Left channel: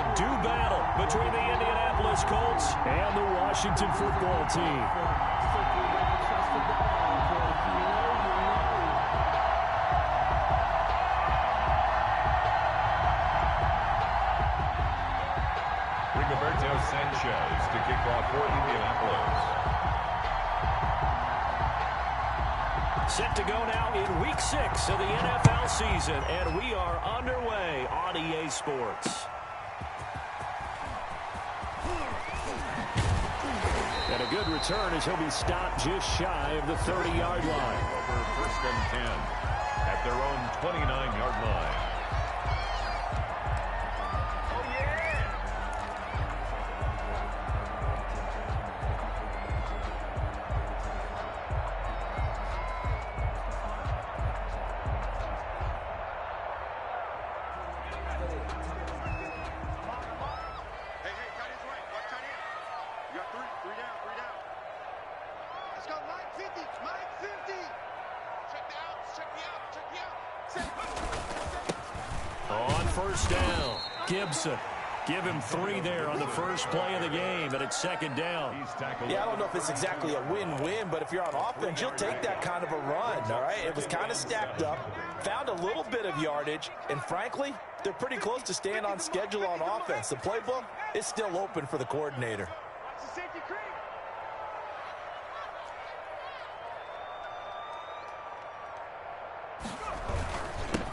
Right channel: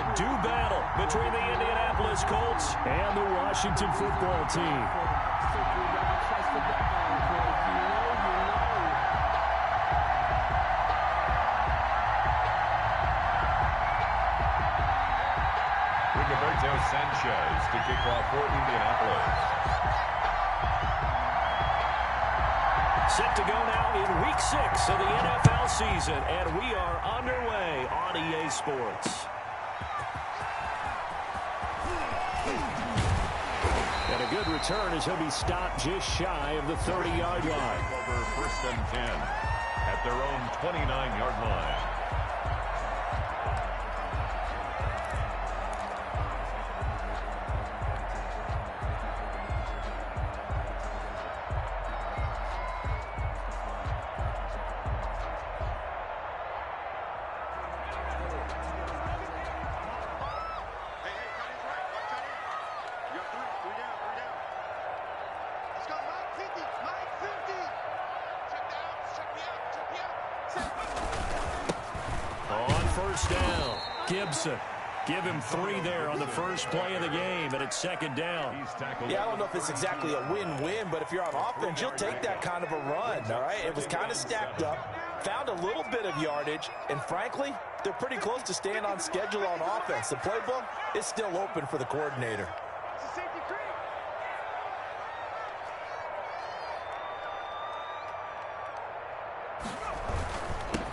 to-do battle between the Indianapolis Colts and the Washington football team. Rigoberto Sanchez to kick off for Indianapolis. Set to go now in Week 6 of the NFL season, and we are underway on EA Sports. And a good return as he'll be stopped just shy of the 30-yard line. Over 1st and 10 at their own 29-yard line. On 1st down, Gibson. Give him 3 there on the first play of the game, and it's 2nd down. Yeah, I don't know if it's exactly a win-win, but if you're on offense, you'll take that kind of a run, all right? It was kind of stacked up, found a little bit of yardage, and frankly, they're pretty close to staying on schedule on offense. The playbook is still open for the coordinator.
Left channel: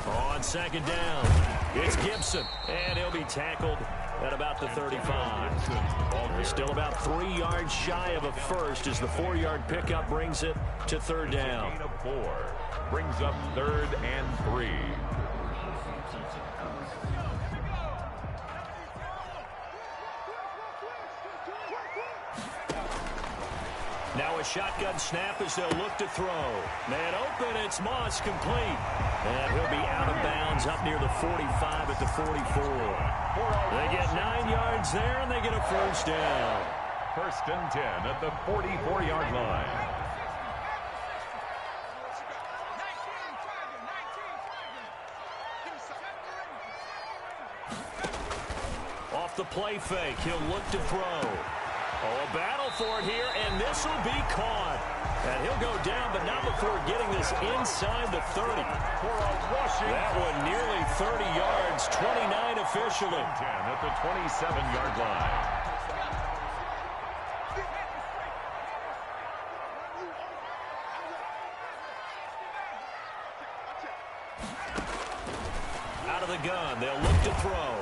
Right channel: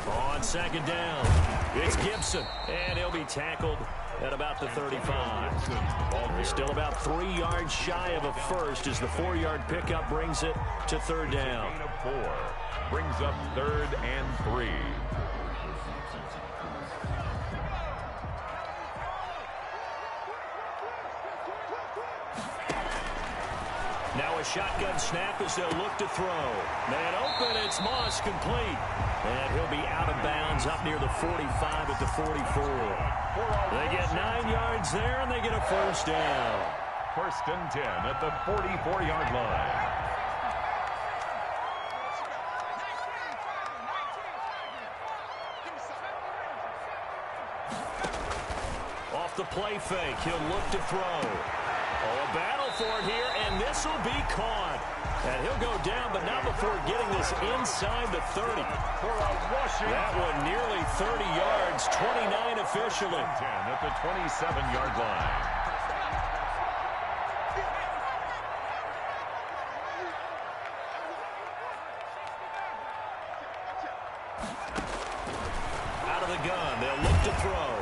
On 2nd down, it's Gibson, and he'll be tackled at about the 35. They're still about 3 yards shy of a first as the 4-yard pickup brings it to 3rd down. Gain of 4 brings up 3rd and 3. Now a shotgun snap as they'll look to throw. Man open, it's Moss, complete. And he'll be out of bounds up near the 45 at the 44. They get 9 yards there, and they get a 1st down. 1st and 10 at the 44-yard line. Off the play fake, he'll look to throw. Oh, a battle for it here, and this will be caught. And he'll go down, but not before getting this inside the 30. That one nearly 30 yards, 29 officially. 10 at the 27-yard line. Out of the gun, they'll look to throw.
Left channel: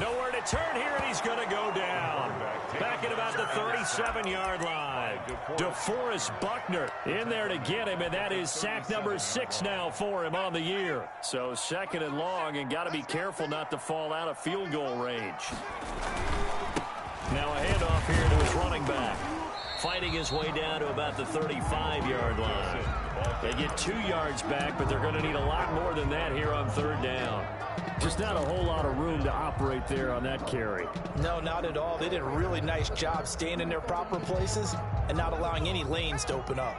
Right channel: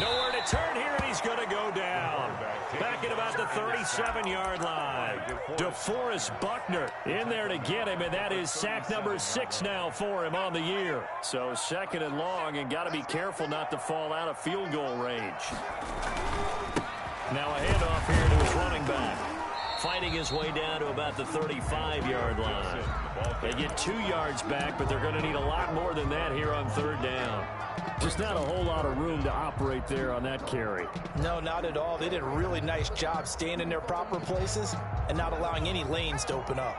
Nowhere to turn here, and he's going to go down. Back at about the 37-yard line. DeForest Buckner in there to get him, and that is sack number 6 now for him on the year. So 2nd and long, and got to be careful not to fall out of field goal range. Now a handoff here to his running back. Fighting his way down to about the 35-yard line. They get 2 yards back, but they're going to need a lot more than that here on 3rd down. Just not a whole lot of room to operate there on that carry. No, not at all. They did a really nice job staying in their proper places and not allowing any lanes to open up.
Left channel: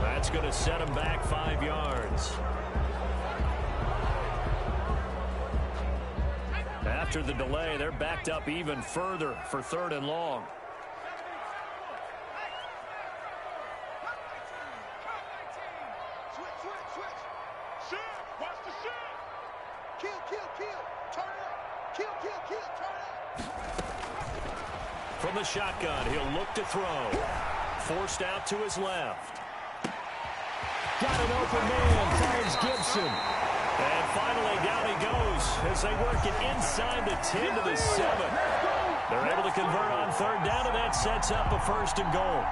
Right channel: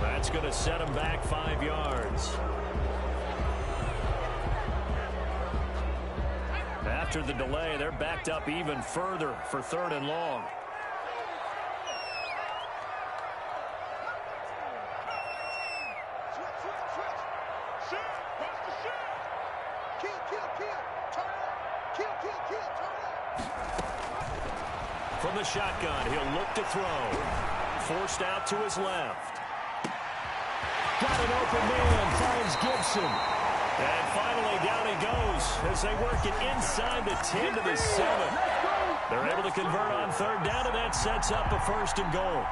That's going to set him back 5 yards. After the delay, they're backed up even further for 3rd and long. From the shotgun, he'll look to throw. Forced out to his left. Got an open man, finds Gibson. And finally, down he goes as they work it inside the 10 to the 7. They're able to convert on 3rd down, and that sets up a 1st and goal.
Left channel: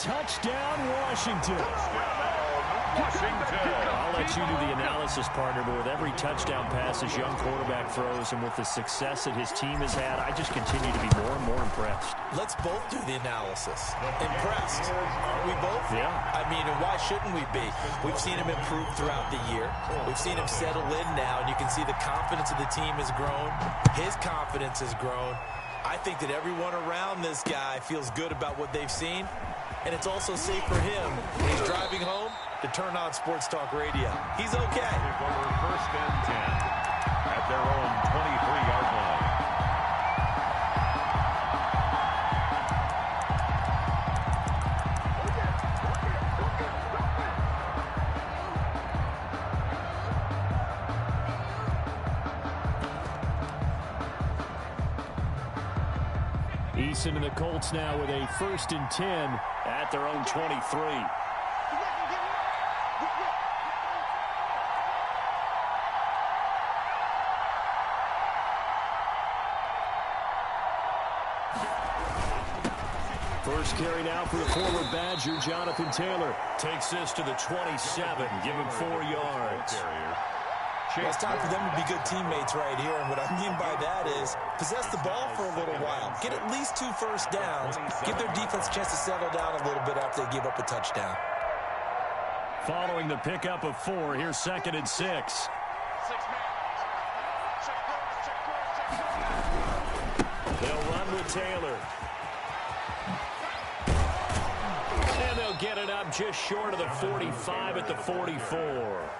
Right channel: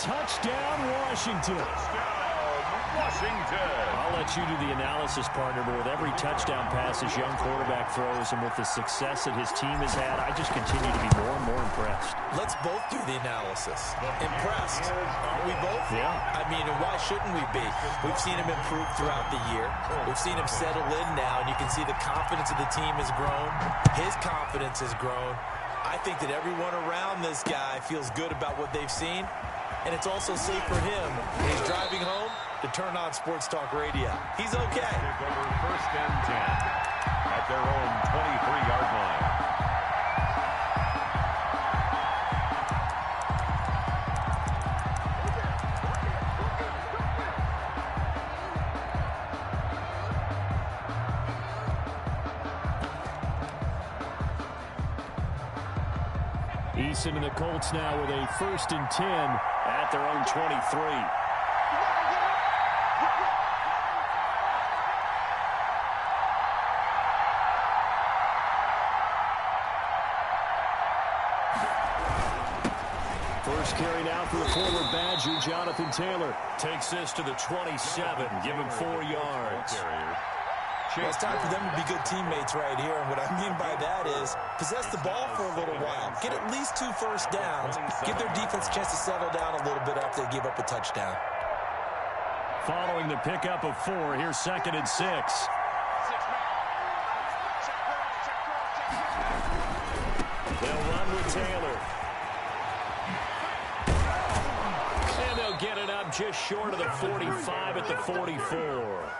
Touchdown, Washington. Washington. I'll let you do the analysis, partner, but with every touchdown pass this young quarterback throws and with the success that his team has had, I just continue to be more and more impressed. Let's both do the analysis. Impressed, aren't we both? Yeah. I mean, and why shouldn't we be? We've seen him improve throughout the year. We've seen him settle in now, and you can see the confidence of the team has grown. His confidence has grown. I think that everyone around this guy feels good about what they've seen, and it's also safe for him when he's driving home to turn on Sports Talk Radio. He's okay. Take over 1st and 10 at their own 23-yard line. Eason and the Colts now with a 1st and 10 at their own 23. First carry now for the former Badger, Jonathan Taylor. Takes this to the 27, give him 4 yards. Well, it's time for them to be good teammates right here, and what I mean by that is possess the ball for a little while. Get at least 2 first downs. Give their defense a chance to settle down a little bit after they give up a touchdown. Following the pickup of 4, here's 2nd and 6. They'll run with Taylor. And they'll get it up just short of the 45 at the 44.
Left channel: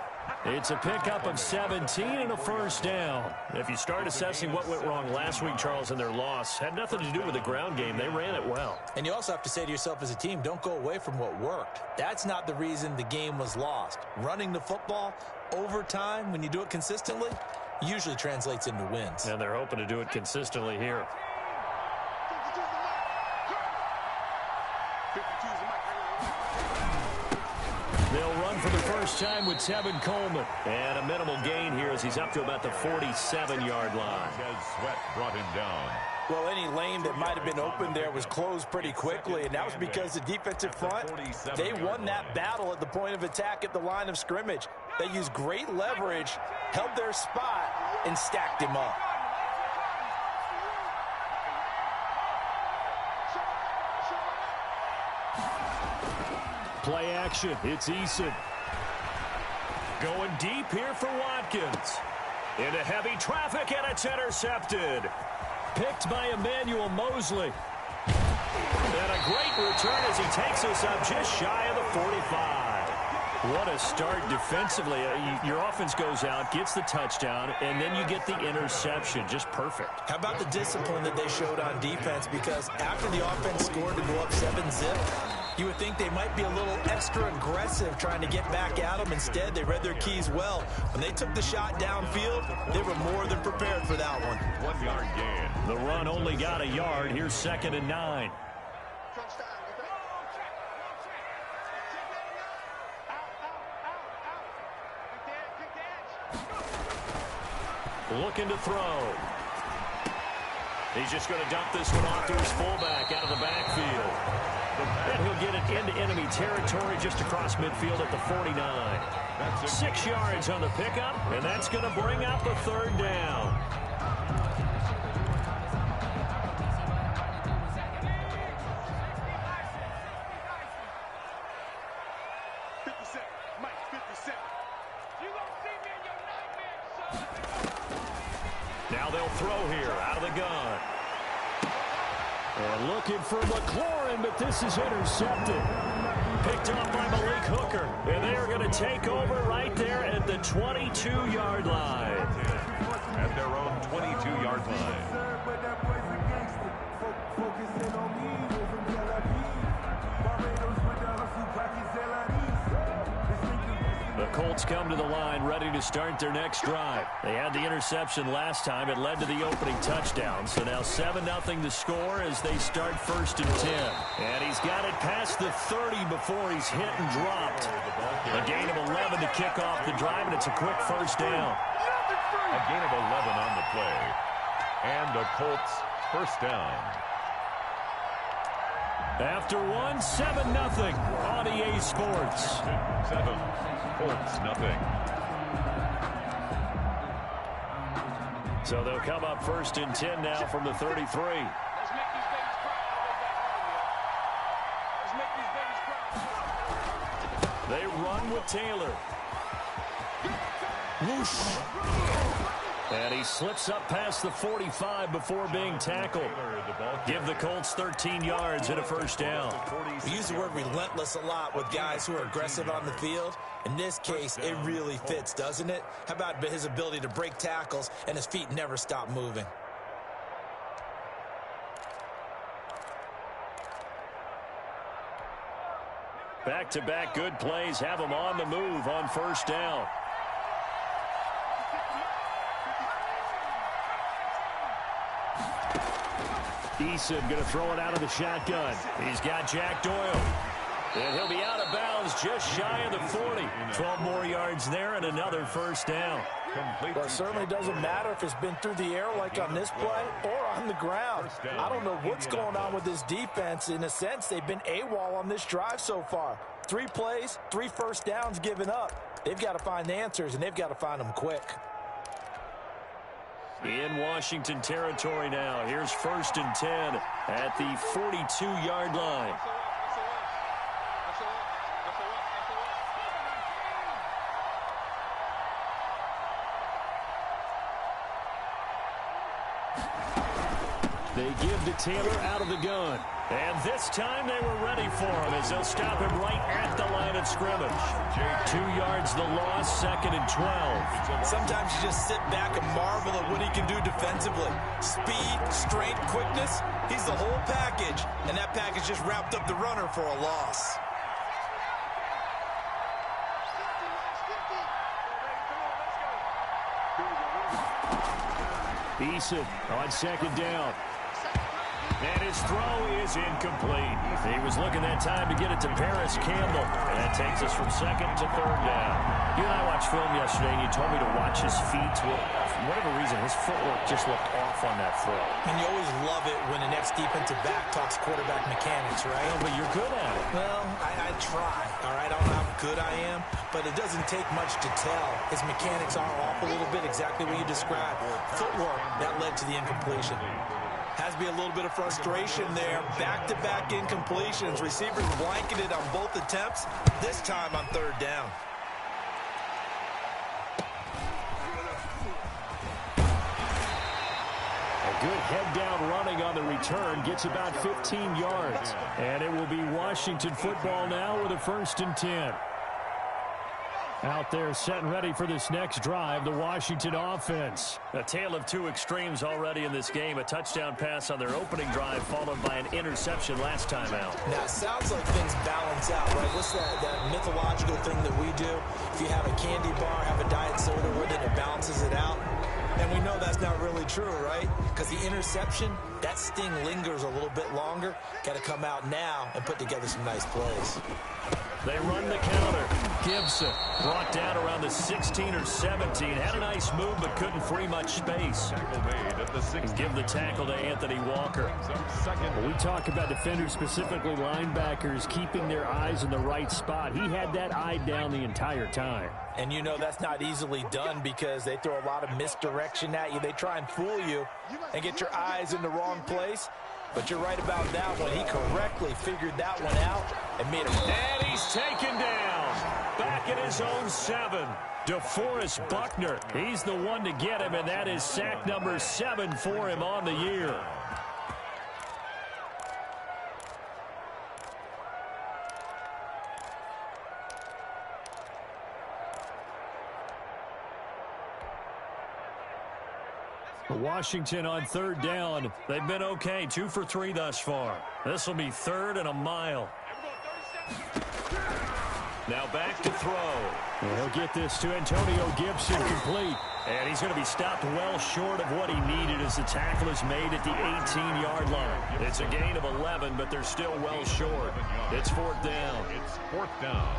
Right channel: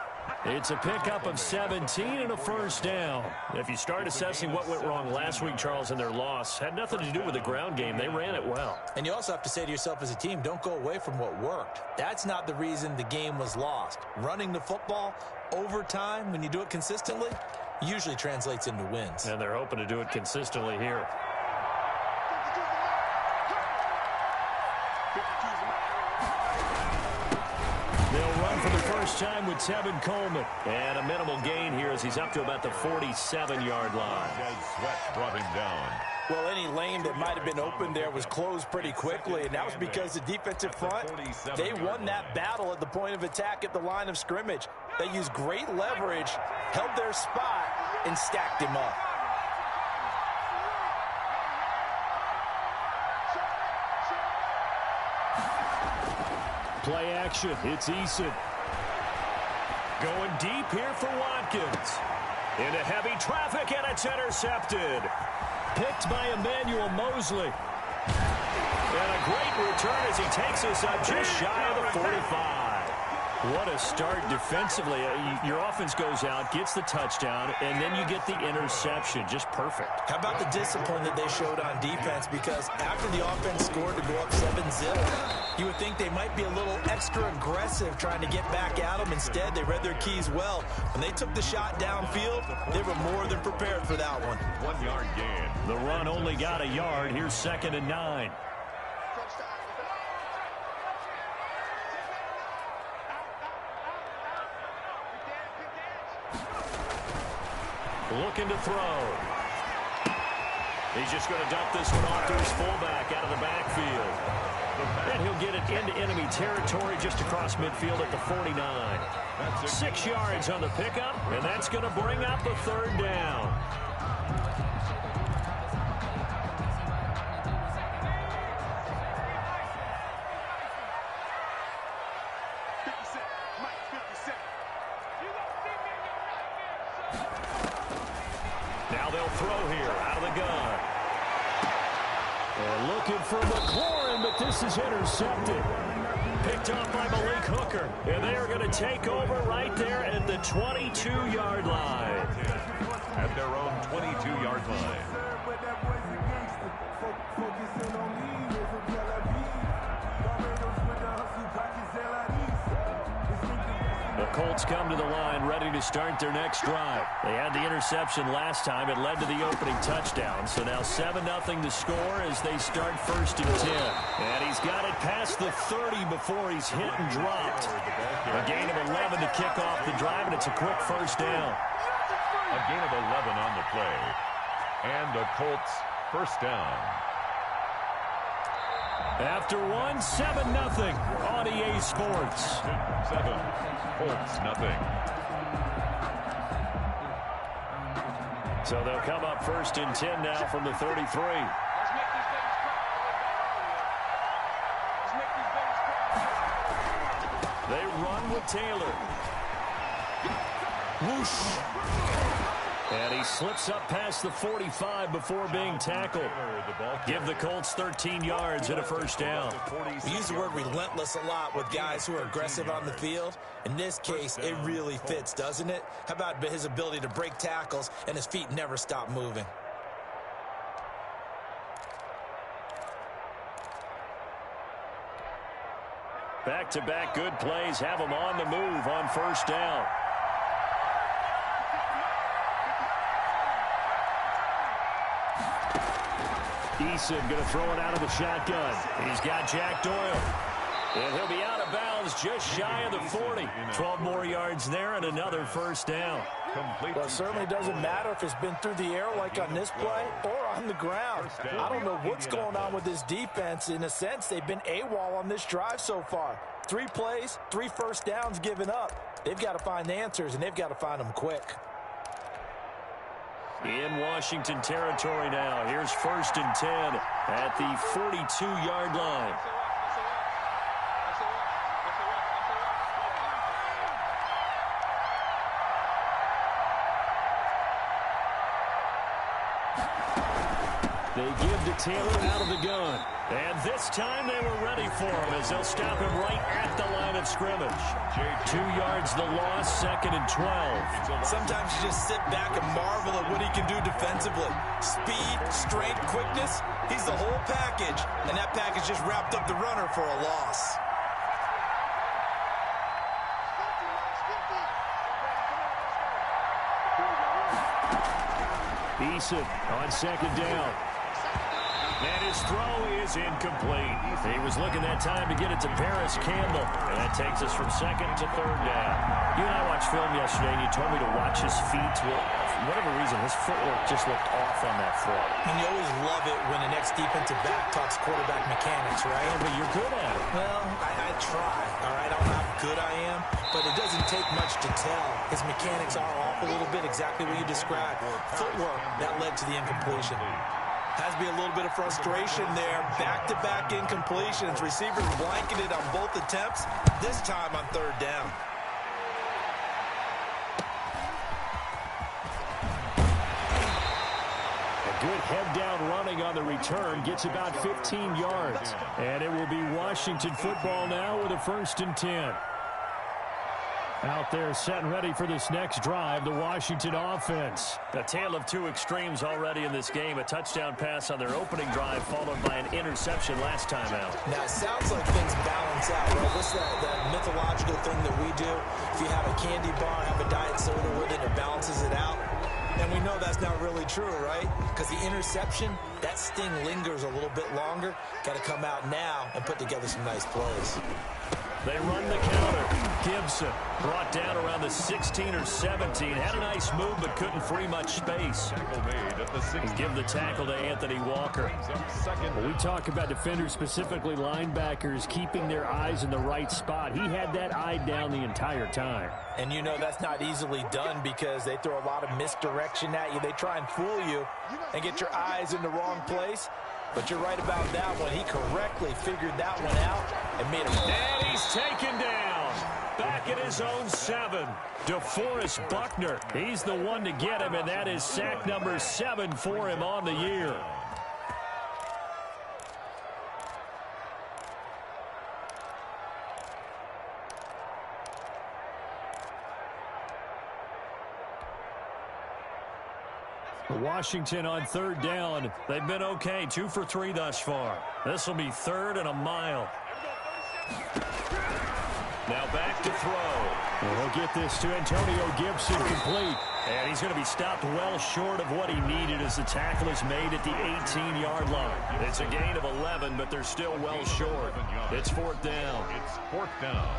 It's a pickup of 17 and a 1st down. If you start assessing what went wrong last week, Charles, in their loss, had nothing to do with the ground game. They ran it well. And you also have to say to yourself as a team, don't go away from what worked. That's not the reason the game was lost. Running the football over time, when you do it consistently, usually translates into wins. And they're hoping to do it consistently here. They'll run for the first time with Tevin Coleman. And a minimal gain here as he's up to about the 47-yard line. Sweat brought him down. Well, any lane that might have been open there was closed pretty quickly, and that was because the defensive front, they won that battle at the point of attack at the line of scrimmage. They used great leverage, held their spot, and stacked him up. Play action. It's Eason. Going deep here for Watkins. Into heavy traffic, and it's intercepted. Picked by Emmanuel Mosley. And a great return as he takes us up just shy of the 45. What a start defensively. Your offense goes out, gets the touchdown, and then you get the interception. Just perfect. How about the discipline that they showed on defense? Because after the offense scored to go up 7-zip, you would think they might be a little extra aggressive trying to get back at them. Instead, they read their keys well. When they took the shot downfield, they were more than prepared for that one. 1 yard gain. The run only got a yard. Here's 2nd and 9. Looking to throw. He's just going to dump this one off to his fullback out of the backfield. And he'll get it into enemy territory just across midfield at the 49. 6 yards on the pickup, and that's going to bring up a 3rd down. Now they'll throw here out of the gun. And looking for McLaurin, but this is intercepted. Picked off by Malik Hooker. And they are going to take over right there at the 22-yard line. At their own 22-yard line. The Colts come to the line ready to start their next drive. They had the interception last time. It led to the opening touchdown. So now 7-0 to score as they start 1st and 10. And he's got it past the 30 before he's hit and dropped. A gain of 11 to kick off the drive, and it's a quick 1st down. A gain of 11 on the play. And a Colts 1st down. After one, 7-0 on EA Sports. 7, Colts nothing. So they'll come up 1st and 10 now from the 33. Let's make these babies cry all the way back home, yo. Let's make these babies cry. They run with Taylor. Whoosh. And he slips up past the 45 before being tackled. Give the Colts 13 yards and a first down. We use the word relentless a lot with guys who are aggressive on the field. In this case, it really fits, doesn't it? How about his ability to break tackles and his feet never stop moving? Back-to-back good plays have him on the move on first down. Eason going to throw it out of the shotgun. He's got Jack Doyle. And he'll be out of bounds just shy of the 40. 12 more yards there and another first down. Well, it certainly doesn't matter if it's been through the air like on this play or on the ground. I don't know what's going on with this defense. In a sense, they've been AWOL on this drive so far. 3 plays, 3 first downs given up. They've got to find answers, and they've got to find them quick. In Washington territory now. Here's 1st and 10 at the 42-yard line. They give to Taylor out of the gun. And this time they were ready for him as they'll stop him right at the line of scrimmage. 2 yards the loss, 2nd and 12. Sometimes you just sit back and marvel at what he can do defensively. Speed, strength, quickness, he's the whole package. And that package just wrapped up the runner for a loss. Eason on 2nd down. And his throw is incomplete. He was looking that time to get it to Paris Campbell. And that takes us from 2nd to 3rd down. You and I watched film yesterday, and you told me to watch his feet. Well, for whatever reason, his footwork just looked off on that throw. And you always love it when the next defensive back talks quarterback mechanics, right? Oh, but you're good at it. Well, I try, all right? I don't know how good I am, but it doesn't take much to tell. His mechanics are off a little bit, exactly what you described. Footwork, that led to the incompletion. Has to be a little bit of frustration there. Back-to-back incompletions. Receivers blanketed on both attempts, this time on 3rd down. A good head-down running on the return gets about 15 yards. And it will be Washington football now with a 1st and 10. Out there set and ready for this next drive, the Washington offense. A tale of 2 extremes already in this game. A touchdown pass on their opening drive followed by an interception last time out. Now, it sounds like things balance out, right? What's that mythological thing that we do? If you have a candy bar, have a diet soda with it, it balances it out. And we know that's not really true, right? Because the interception, that sting lingers a little bit longer. Got to come out now and put together some nice plays. They run the counter. Gibson brought down around the 16 or 17. Had a nice move, but couldn't free much space. And give the tackle to Anthony Walker. When we talk about defenders, specifically linebackers, keeping their eyes in the right spot, he had that eye down the entire time. And you know that's not easily done because they throw a lot of misdirection at you. They try and fool you and get your eyes in the wrong place. But you're right about that one. He correctly figured that one out and made him. And he's taken down. Back at his own 7. DeForest Buckner. He's the one to get him, and that is sack number 7 for him on the year. Washington on 3rd down. They've been okay. 2 for 3 thus far. This will be 3rd and a mile. Now back to throw. And he'll get this to Antonio Gibson complete. And he's going to be stopped well short of what he needed as the tackle is made at the 18-yard line. It's a gain of 11, but they're still well short. It's 4th down. It's 4th down.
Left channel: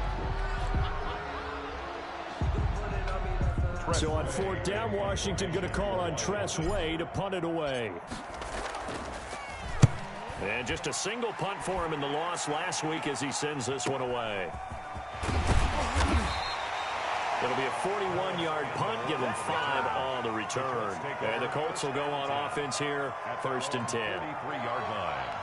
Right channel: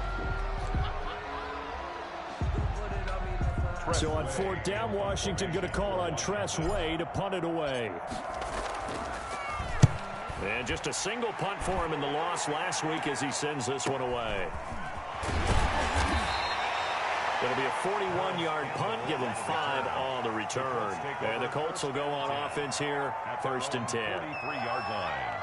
So on 4th down, Washington going to call on Tress Way to punt it away. And just a single punt for him in the loss last week as he sends this one away. It'll be a 41-yard punt, give him 5 on the return. And the Colts will go on offense here, 1st and 10. 43-yard line.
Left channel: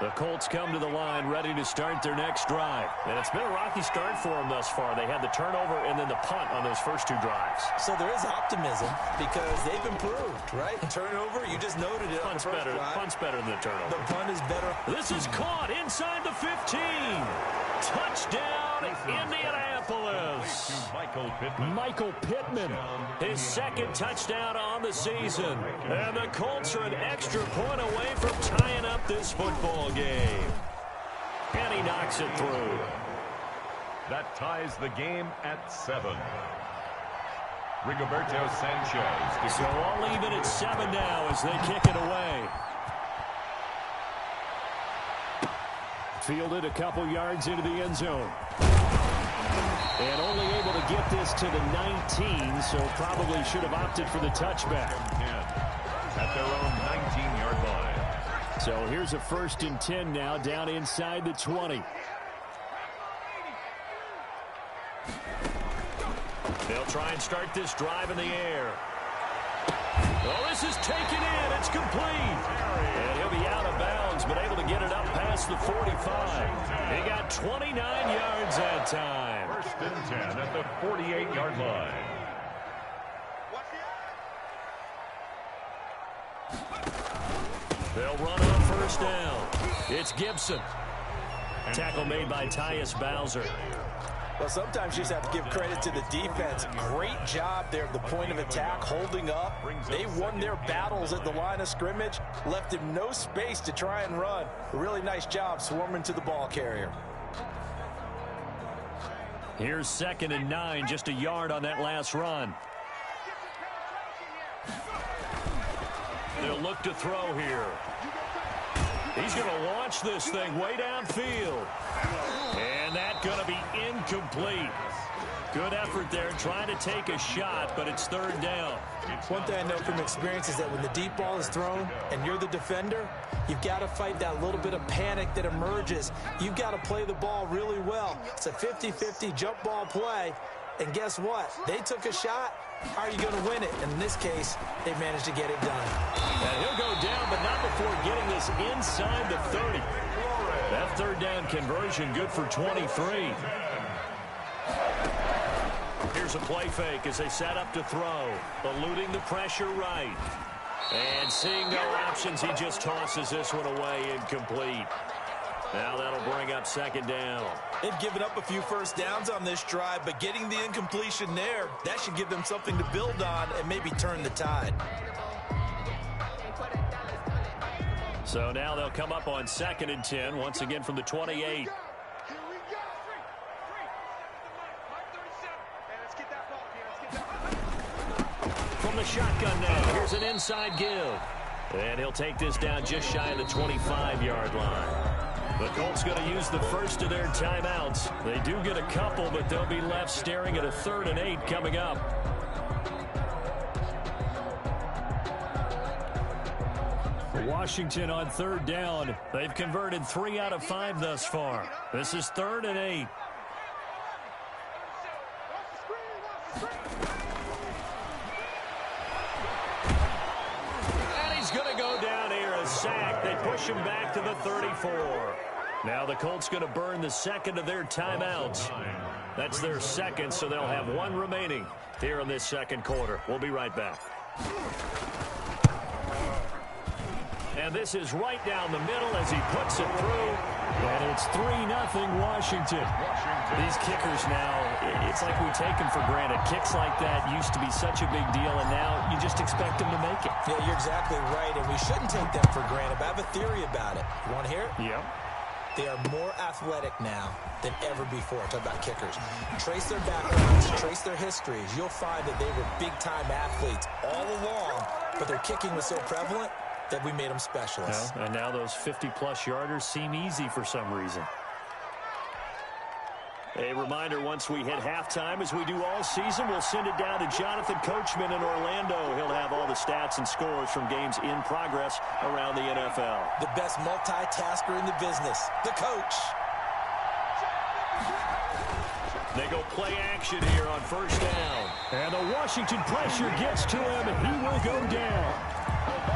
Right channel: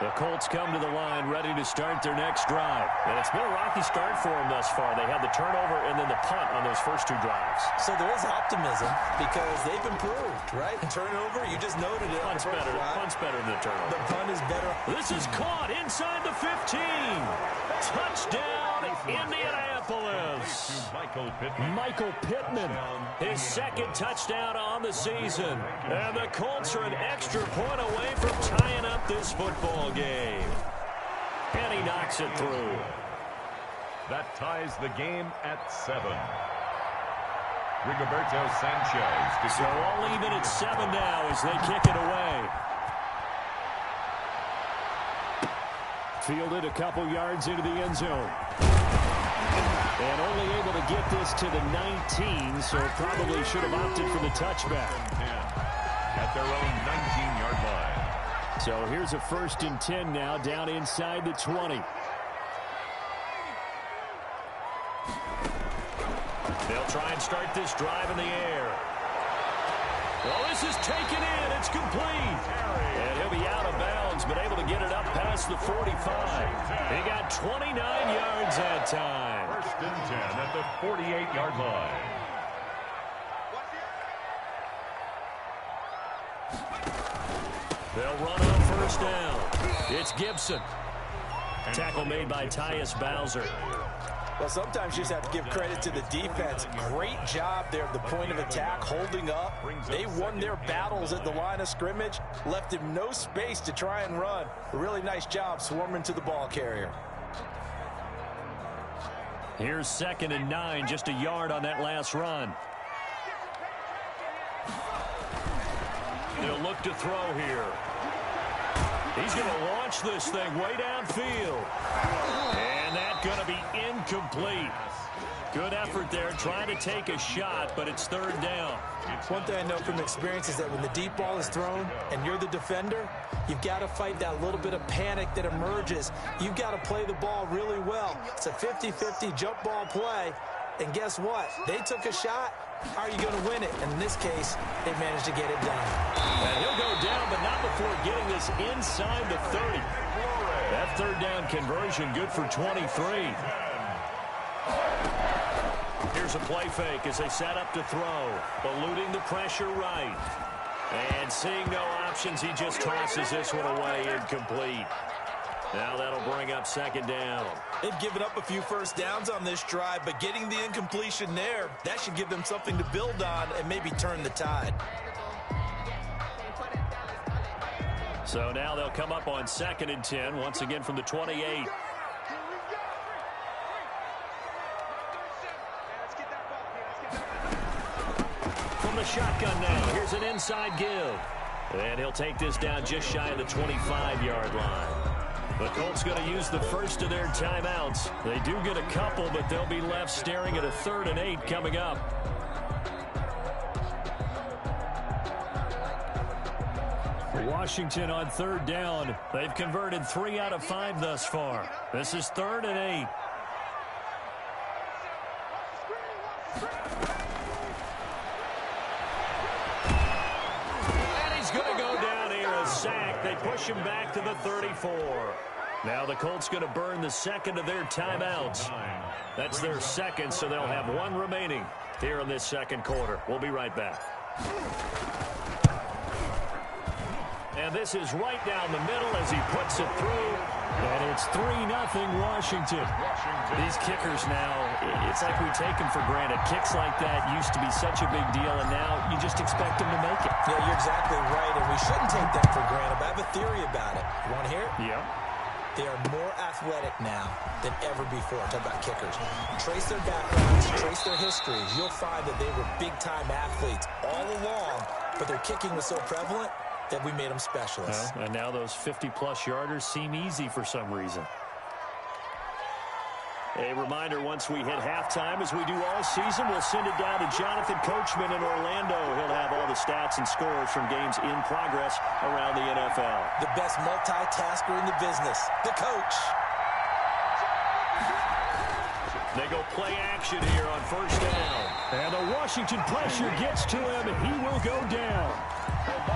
The Colts come to the line ready to start their next drive. And it's been a rocky start for them thus far. They had the turnover and then the punt on those first 2 drives. So there is optimism because they've improved, right? Turnover, you just noted it. Punt's better than the turnover. The punt is better. This is caught inside the 15. Touchdown, Indianapolis. Michael Pittman, his 2nd touchdown on the season. And the Colts are an extra point away from tying up this football game. And he knocks it through. That ties the game at 7. Rigoberto Sanchez. So I'll leave it at 7 now as they kick it away. Fielded a couple yards into the end zone. And only able to get this to the 19, so probably should have opted for the touchback. At their own 19-yard line. So here's a 1st and 10 now, down inside the 20. They'll try and start this drive in the air. Oh, this is taken in. It's complete. And he'll be out of bounds, but able to get it up past the 45. He got 29 yards that time. 1st and 10 at the 48-yard line. They'll run on 1st down. It's Gibson. Tackle made by Tyus Bowser. Well, sometimes you just have to give credit to the defense. Great job there at the point of attack, holding up. They won their battles at the line of scrimmage, left him no space to try and run. A really nice job swarming to the ball carrier. Here's 2nd and 9, just a yard on that last run. They'll look to throw here. He's going to launch this thing way downfield. And that's going to be incomplete. Good effort there, trying to take a shot, but it's 3rd down. One thing I know from experience is that when the deep ball is thrown and you're the defender, you've got to fight that little bit of panic that emerges. You've got to play the ball really well. It's a 50-50 jump ball play. And guess what? They took a shot. How are you going to win it? And in this case, they managed to get it done. And he'll go down, but not before getting this inside the 30. That 3rd down conversion good for 23. Here's a play fake as they set up to throw. Eluding the pressure right. And seeing no options, he just tosses this one away, incomplete. Now that'll bring up 2nd down. They've given up a few 1st downs on this drive, but getting the incompletion there, that should give them something to build on and maybe turn the tide. So now they'll come up on 2nd and 10, once again from the 28. From the shotgun now, here's an inside give. And he'll take this down just shy of the 25-yard line. The Colts going to use the first of their timeouts. They do get a couple, but they'll be left staring at a 3rd and 8 coming up. Washington on 3rd down. They've converted 3 out of 5 thus far. This is 3rd and 8. And he's going to go down here, a sack. They push him back to the 34. Now the Colts going to burn the 2nd of their timeouts. That's their 2nd, so they'll have 1 remaining here in this 2nd quarter. We'll be right back. And this is right down the middle as he puts it through. And it's 3-0 Washington. These kickers now, it's like we take them for granted. Kicks like that used to be such a big deal, and now you just expect them to make it. Yeah, you're exactly right, and we shouldn't take them for granted. But I have a theory about it. You want to hear it? Yep. They are more athletic now than ever before. Talk about kickers. Trace their backgrounds, trace their histories. You'll find that they were big-time athletes all along, but their kicking was so prevalent that we made them specialists. Well, and now those 50-plus yarders seem easy for some reason. A reminder, once we hit halftime, as we do all season, we'll send it down to Jonathan Coachman in Orlando. He'll have all the stats and scores from games in progress around the NFL. The best multitasker in the business, the coach. They go play action here on first down. And the Washington pressure gets to him, and he will go down.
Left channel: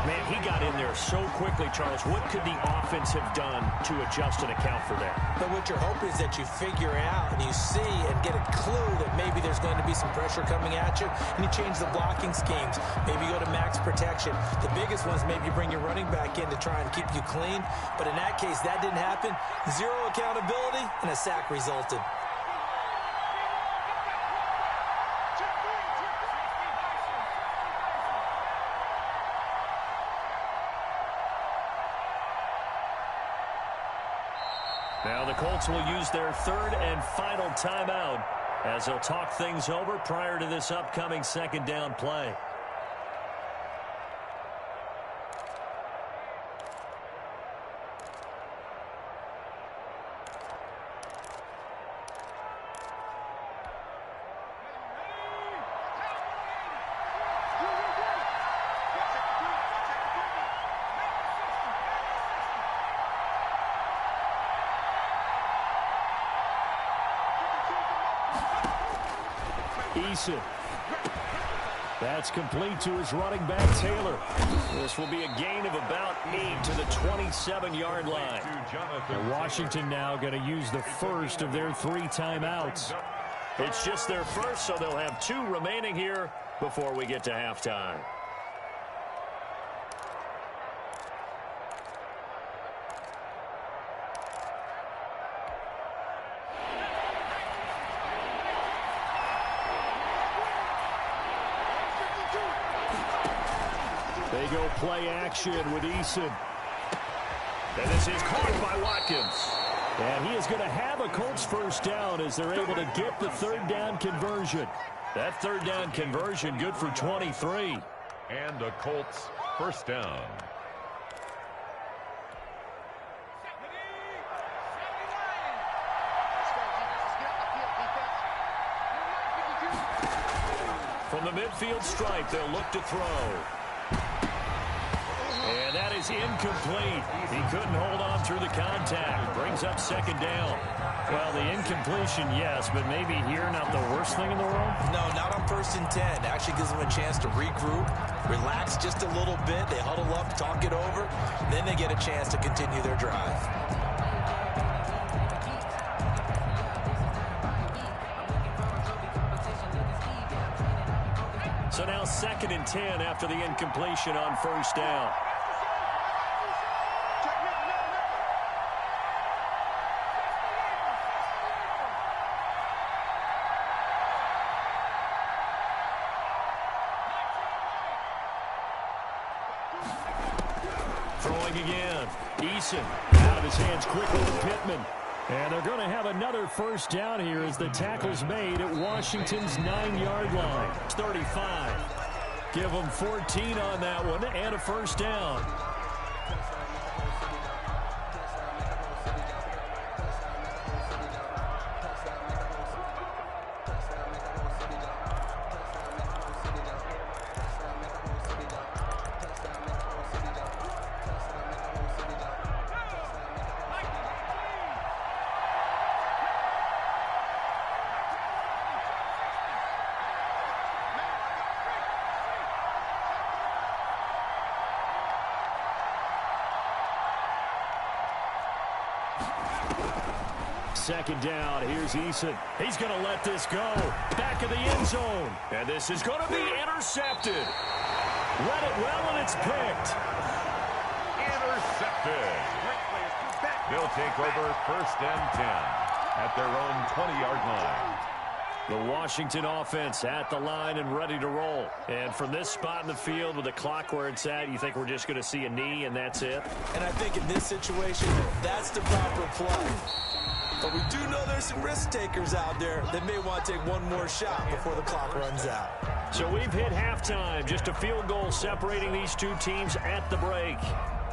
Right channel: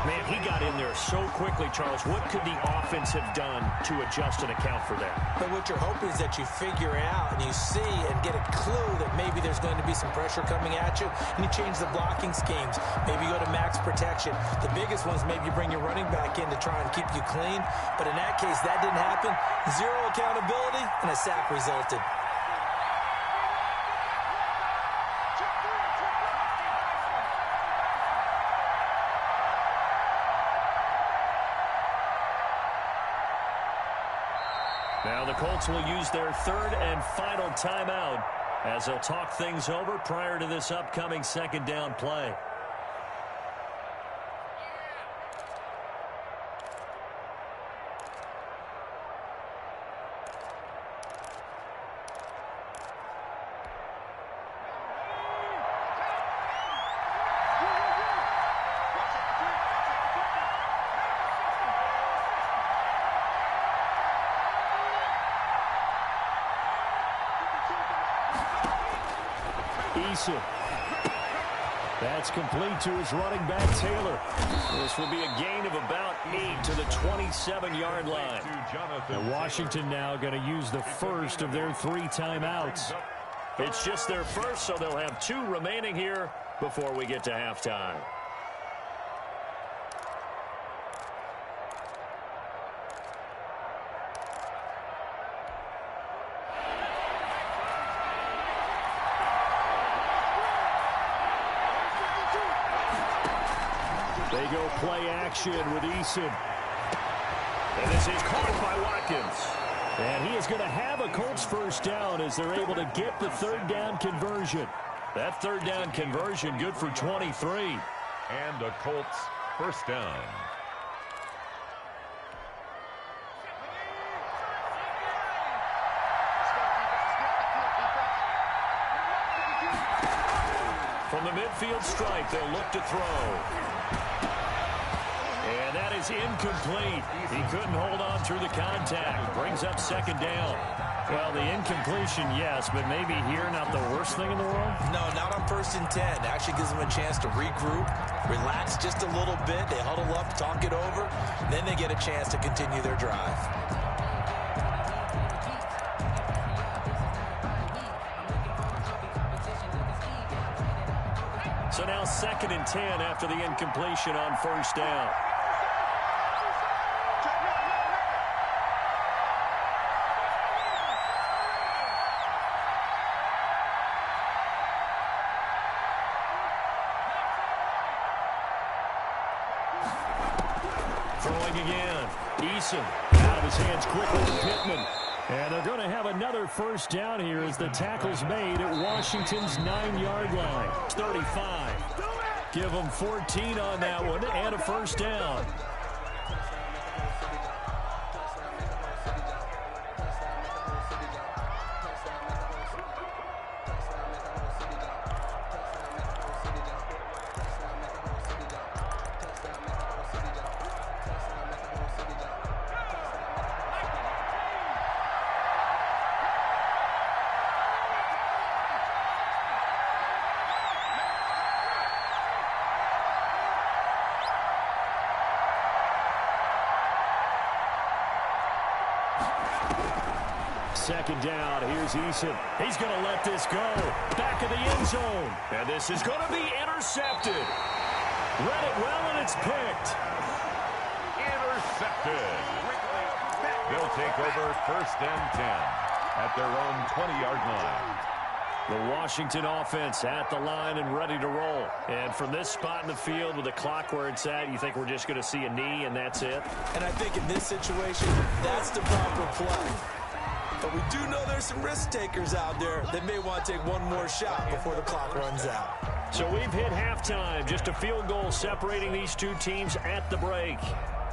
Man, he got in there so quickly, Charles. What could the offense have done to adjust and account for that? But what you're hoping is that you figure out and you see and get a clue that maybe there's going to be some pressure coming at you, and you change the blocking schemes. Maybe you go to max protection. The biggest one is maybe you bring your running back in to try and keep you clean. But in that case, that didn't happen. Zero accountability, and a sack resulted. Now the Colts will use their third and final timeout as they'll talk things over prior to this upcoming second down play. That's complete to his running back, Taylor. This will be a gain of about 8 to the 27-yard line. And Washington now going to use the first of their 3 timeouts. It's just their first, so they'll have 2 remaining here before we get to halftime. They go play action with Eason. And this is caught by Watkins. And he is going to have a Colts first down as they're able to get the third down conversion. That third down conversion good for 23. And a Colts first down. From the midfield stripe, they'll look to throw. And that is incomplete. He couldn't hold on through the contact. Brings up second down. Well, the incompletion, yes, but maybe here not the worst thing in the world? No, not on 1st and 10. Actually gives them a chance to regroup, relax just a little bit. They huddle up, talk it over. Then they get a chance to continue their drive. So now 2nd and 10 after the incompletion on first down. Throwing again. Eason out of his hands quickly to Pittman. And they're going to have another first down here as the tackle's made at Washington's 9-yard line. 35. Give them 14 on that one and a first down. Second down, here's Eason. He's going to let this go. Back of the end zone. And this is going to be intercepted. Read it well, and it's picked. Intercepted. They'll take over 1st and 10 at their own 20-yard line. The Washington offense at the line and ready to roll. And from this spot in the field with the clock where it's at, you think we're just going to see a knee and that's it? And I think in this situation, that's the proper play. But we do know there's some risk takers out there that may want to take one more shot before the clock runs out. So we've hit halftime. Just a field goal separating these two teams at the break.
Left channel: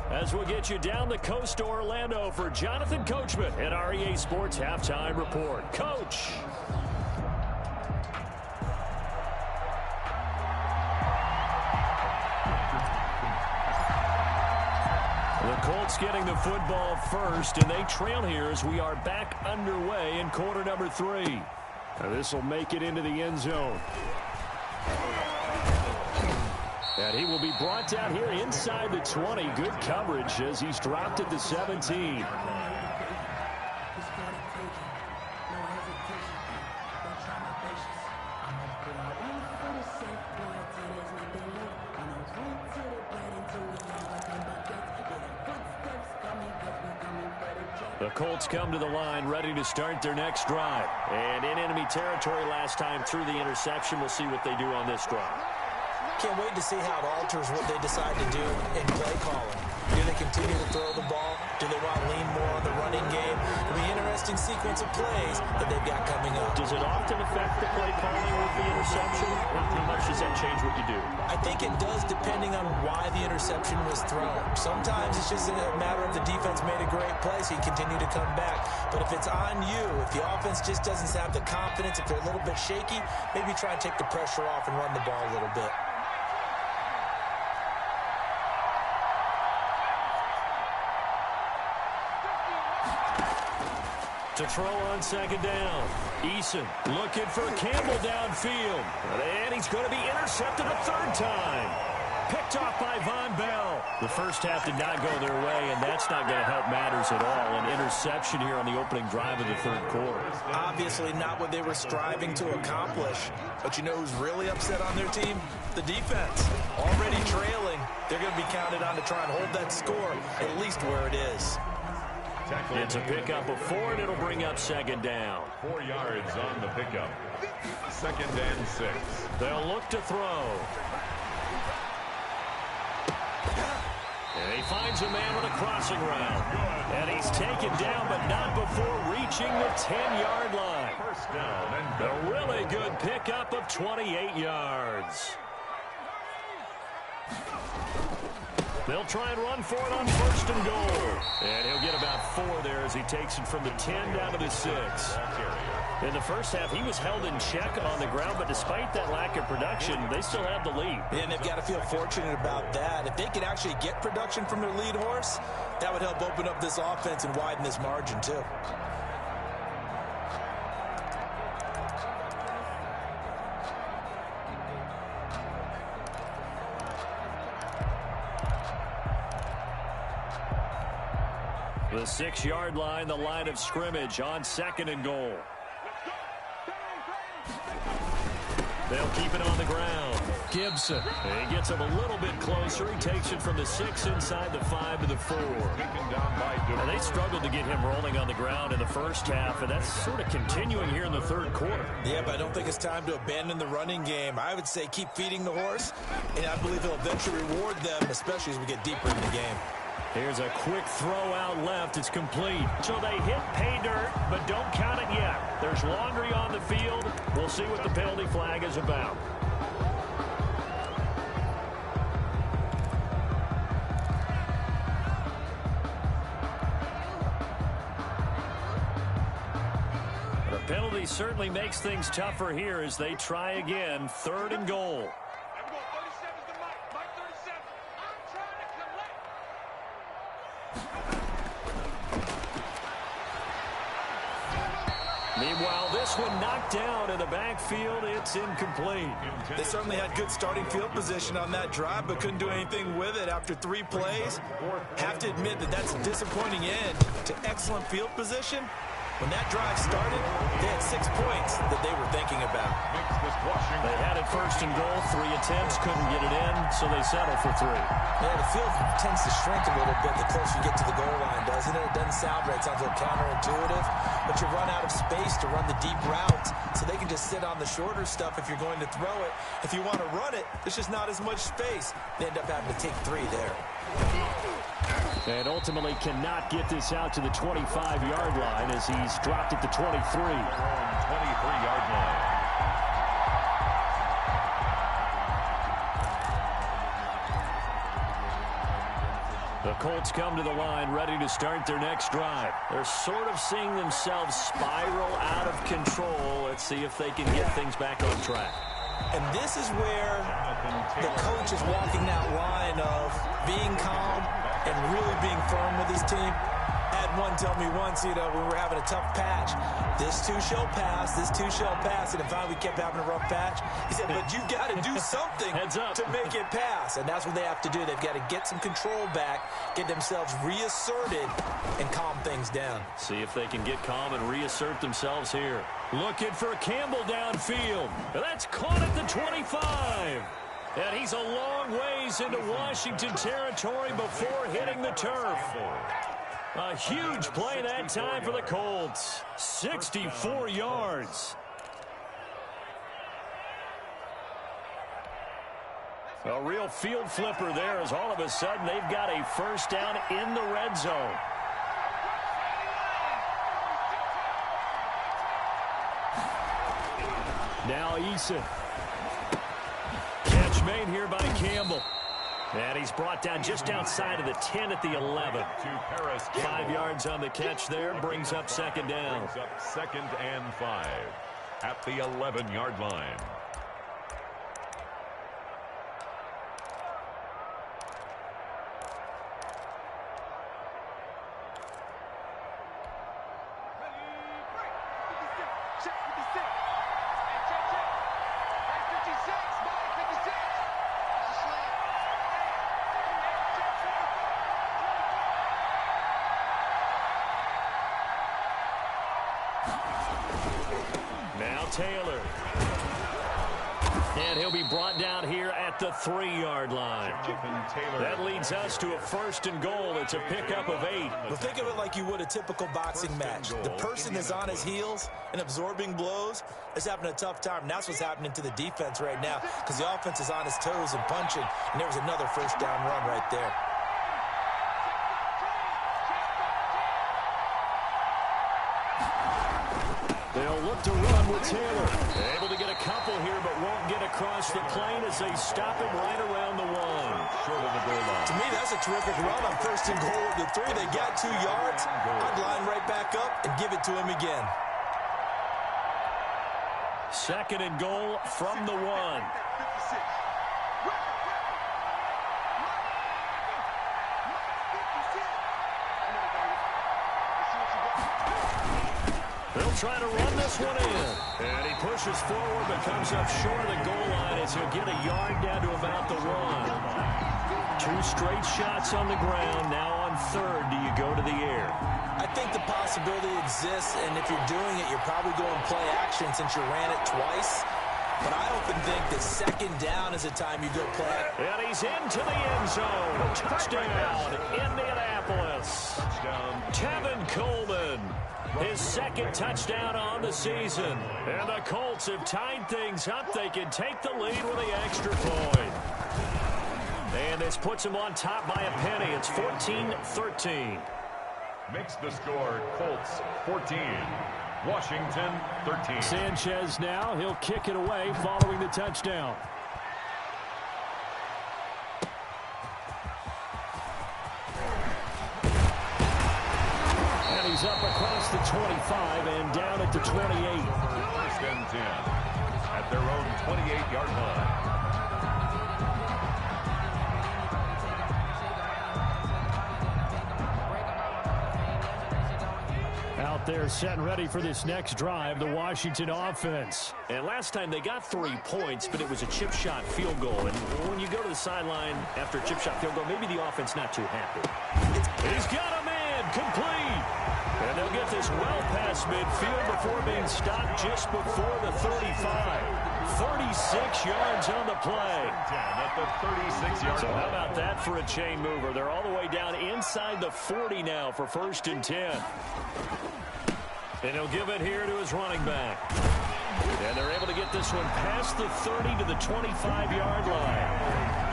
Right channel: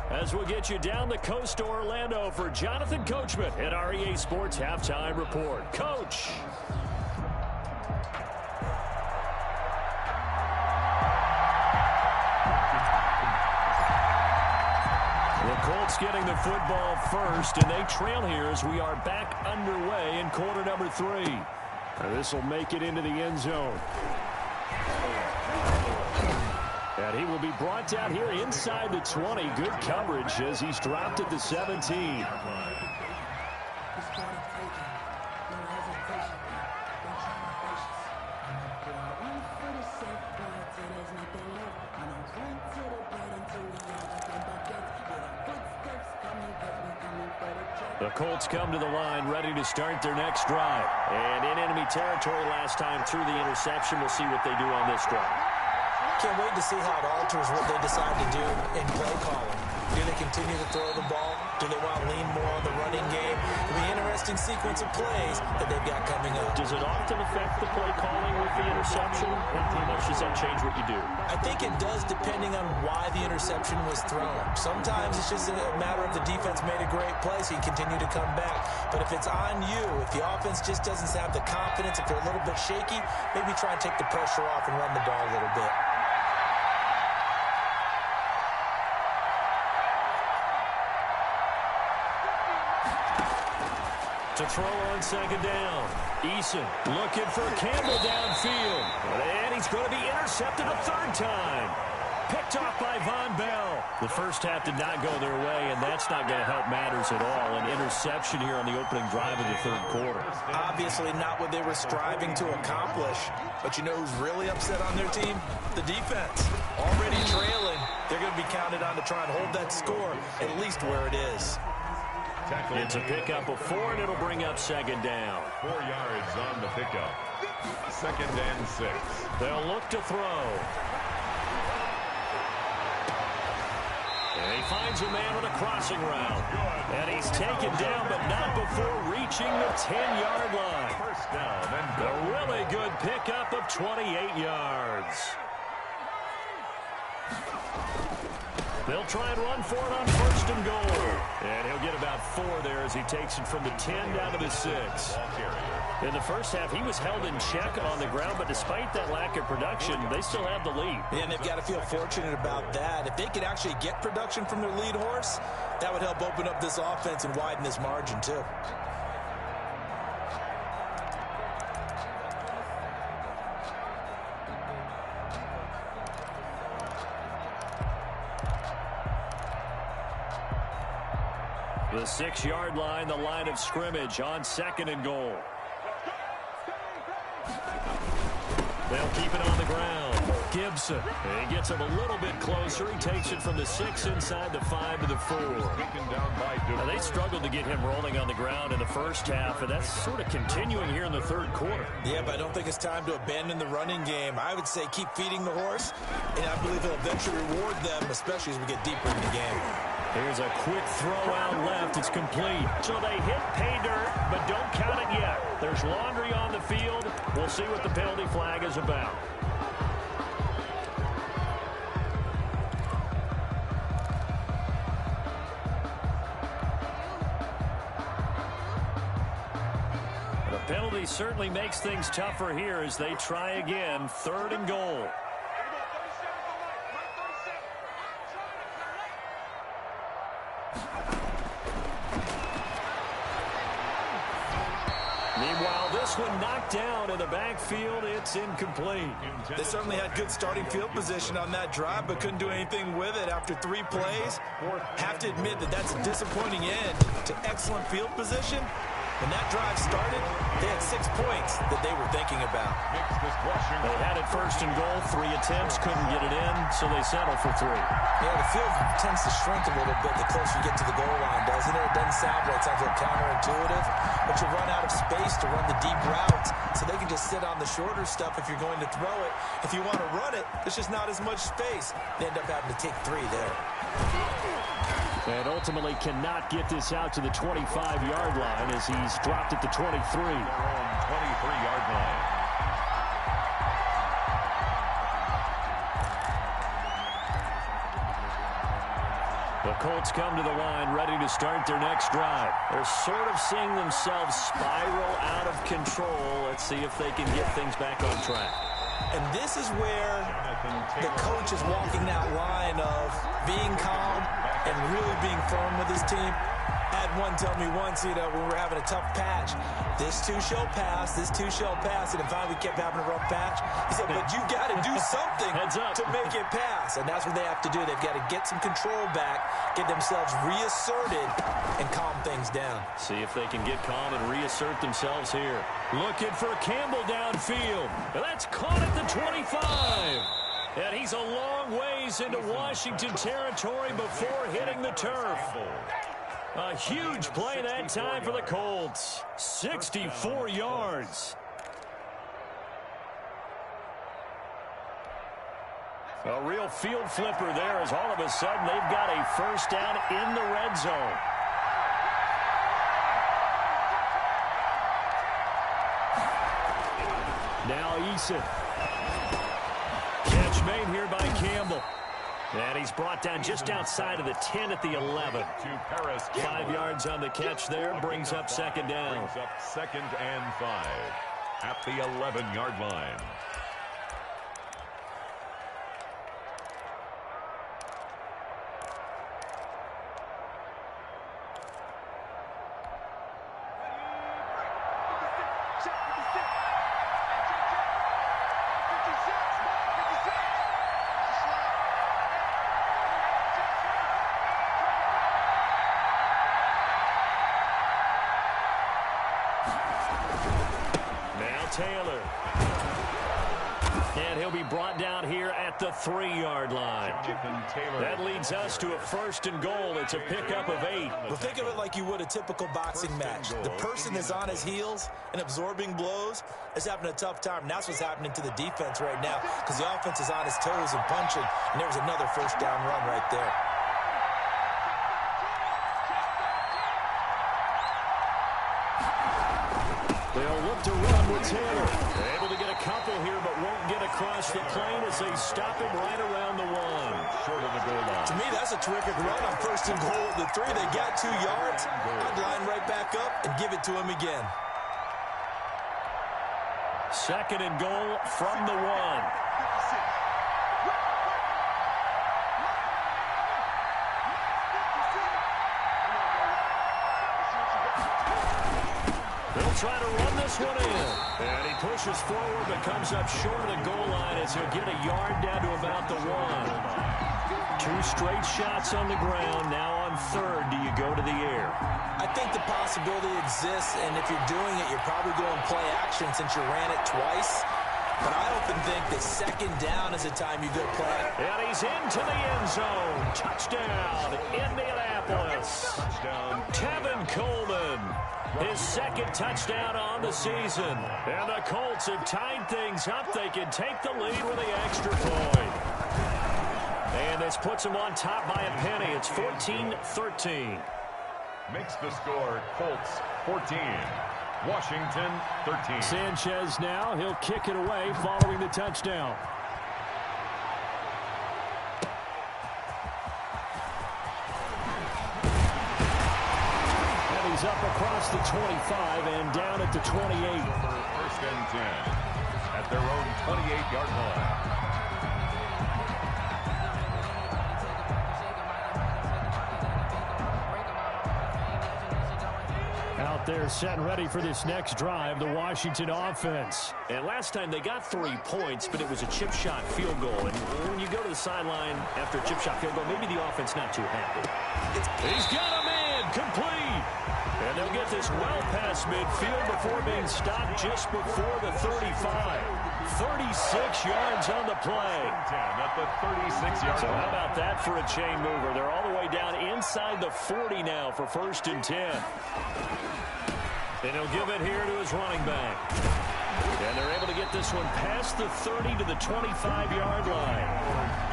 as we'll get you down the coast to Orlando for Jonathan Coachman at our EA Sports Halftime Report. Coach. The Colts getting the football first, and they trail here as we are back underway in quarter number 3. This will make it into the end zone. And he will be brought down here inside the 20. Good coverage as he's dropped at the 17. The Colts come to the line ready to start their next drive. And in enemy territory last time through the interception. We'll see what they do on this drive. Can't wait to see how it alters what they decide to do in play calling. Do they continue to throw the ball? Do they want to lean more on the running game? It'll be an interesting sequence of plays that they've got coming up. Does it often affect the play calling with the interception? How much does that change what you do? I think it does depending on why the interception was thrown. Sometimes it's just a matter of the defense made a great play, so you continue to come back. But if it's on you, if the offense just doesn't have the confidence, if they're a little bit shaky, maybe try and take the pressure off and run the ball a little bit. To throw on second down. Eason looking for Campbell downfield. And he's going to be intercepted a third time. Picked off by Von Bell. The first half did not go their way, and that's not going to help matters at all. An interception here on the opening drive of the third quarter. Obviously not what they were striving to accomplish. But you know who's really upset on their team? The defense. Already trailing. They're going to be counted on to try and hold that score at least where it is. It's a pickup of 4, and it'll bring up second down. 4 yards on the pickup. 2nd and 6. They'll look to throw. And he finds a man on a crossing route. And he's taken down, but not before reaching the 10-yard line. First down and go. A really good pickup of 28 yards. They'll try and run for it on 1st and goal. And he'll get about 4 there as he takes it from the 10 down to the 6. In the first half, he was held in check on the ground, but despite that lack of production, they still have the lead. And they've got to feel fortunate about that. If they could actually get production from their lead horse, that would help open up this offense and widen this margin too. The 6-yard line, the line of scrimmage on 2nd and goal. They'll keep it on the ground. Gibson. He gets him a little bit closer. He takes it from the 6 inside the 5 to the 4. Now, they struggled to get him rolling on the ground in the first half, and that's sort of continuing here in the third quarter. Yeah, but I don't think it's time to abandon the running game. I would say keep feeding the horse, and I believe he'll eventually reward them, especially as we get deeper in the game. Here's a quick throw out left. It's complete. So they hit pay dirt, but don't count it yet. There's laundry on the field. We'll see what the penalty flag is about. The penalty certainly makes things tougher here as they try again. 3rd and goal. Meanwhile, this one knocked down in the backfield. It's incomplete. They certainly had good starting field position on that drive, but couldn't do anything with it after 3 plays. Have to admit that that's a disappointing end to excellent field position. When that drive started, they had 6 points that they were thinking about. They had it 1st and goal. 3 attempts, couldn't get it in, so they settle for 3. Yeah, the field tends to shrink a little bit the closer you get to the goal line, doesn't it? It doesn't sound right. It sounds a little counterintuitive. But you run out of space to run the deep routes, so they can just sit on the shorter stuff if you're going to throw it. If you want to run it, there's just not as much space. They end up having to take 3 there. And ultimately cannot get this out to the 25-yard line as he's dropped at the 23. Their own 23-yard line. The Colts come to the line ready to start their next drive. They're sort of seeing themselves spiral out of control. Let's see if they can get things back on track. And this is where the coach is walking that line of being calm and really being firm with his team. I had one tell me once, when we were having a tough patch, this too shall pass, this too shall pass. And finally we kept having a rough patch. He said, but you got to do something to make it pass. And that's what they have to do. They've got to get some control back, get themselves reasserted, and calm things down. See if they can get calm and reassert themselves here. Looking for Campbell downfield. That's caught at the 25. And he's a long ways into Washington territory before hitting the turf. A huge play that time for the Colts. 64 yards. A real field flipper there as all of a sudden they've got a first down in the red zone. Now Eason. Catch made here by Campbell. And he's brought down just outside of the 10 at the 11. 5 yards on the catch there. Brings up second down. Brings up 2nd and 5 at the 11-yard line. Taylor. And he'll be brought down here at the 3-yard line. That leads us to a 1st and goal. It's a pickup of 8. Well, think of it like you would a typical boxing match. The person is on his heels and absorbing blows is having a tough time. And that's what's happening to the defense right now because the offense is on his toes and punching. And there was another first down run right there. They'll look to run with Taylor. Able to get a couple here, but won't get across the plane as they stop him right around the 1. Short of the goal line. To me, that's a terrific run on 1st and goal at the 3. They got 2 yards. I'd line right back up and give it to him again. 2nd and goal from the 1. They'll try to run this one in. And he pushes forward but comes up short of the goal line as he'll get a yard down to about the 1. 2 straight shots on the ground. Now on 3rd, do you go to the air? I think the possibility exists, and if you're doing it, you're probably going play action since you ran it twice. But I often think that 2nd down is the time you go play. And he's into the end zone. Touchdown, Indianapolis. Touchdown. Tevin Coleman. His 2nd touchdown on the season. And the Colts have tied things up. They can take the lead with the extra point. And this puts them on top by a penny. It's 14-13. Makes the score Colts 14. Washington 13. Sanchez now. He'll kick it away following the touchdown. And he's up across the 25 and down at the 28. 1st and 10 at their own 28-yard line. Out there set and ready for this next drive, the Washington offense. And last time they got 3 points, but it was a chip shot field goal. And when you go to the sideline after a chip shot field goal, maybe the offense not too happy. He's got a man complete. And they'll get this well past midfield before being stopped just before the 35. 36 yards on the play. At the 36-yard So line. how about that for a chain mover? They're all the way down inside the 40 now for 1st and 10. And he'll give it here to his running back. And they're able to get this one past the 30 to the 25-yard line.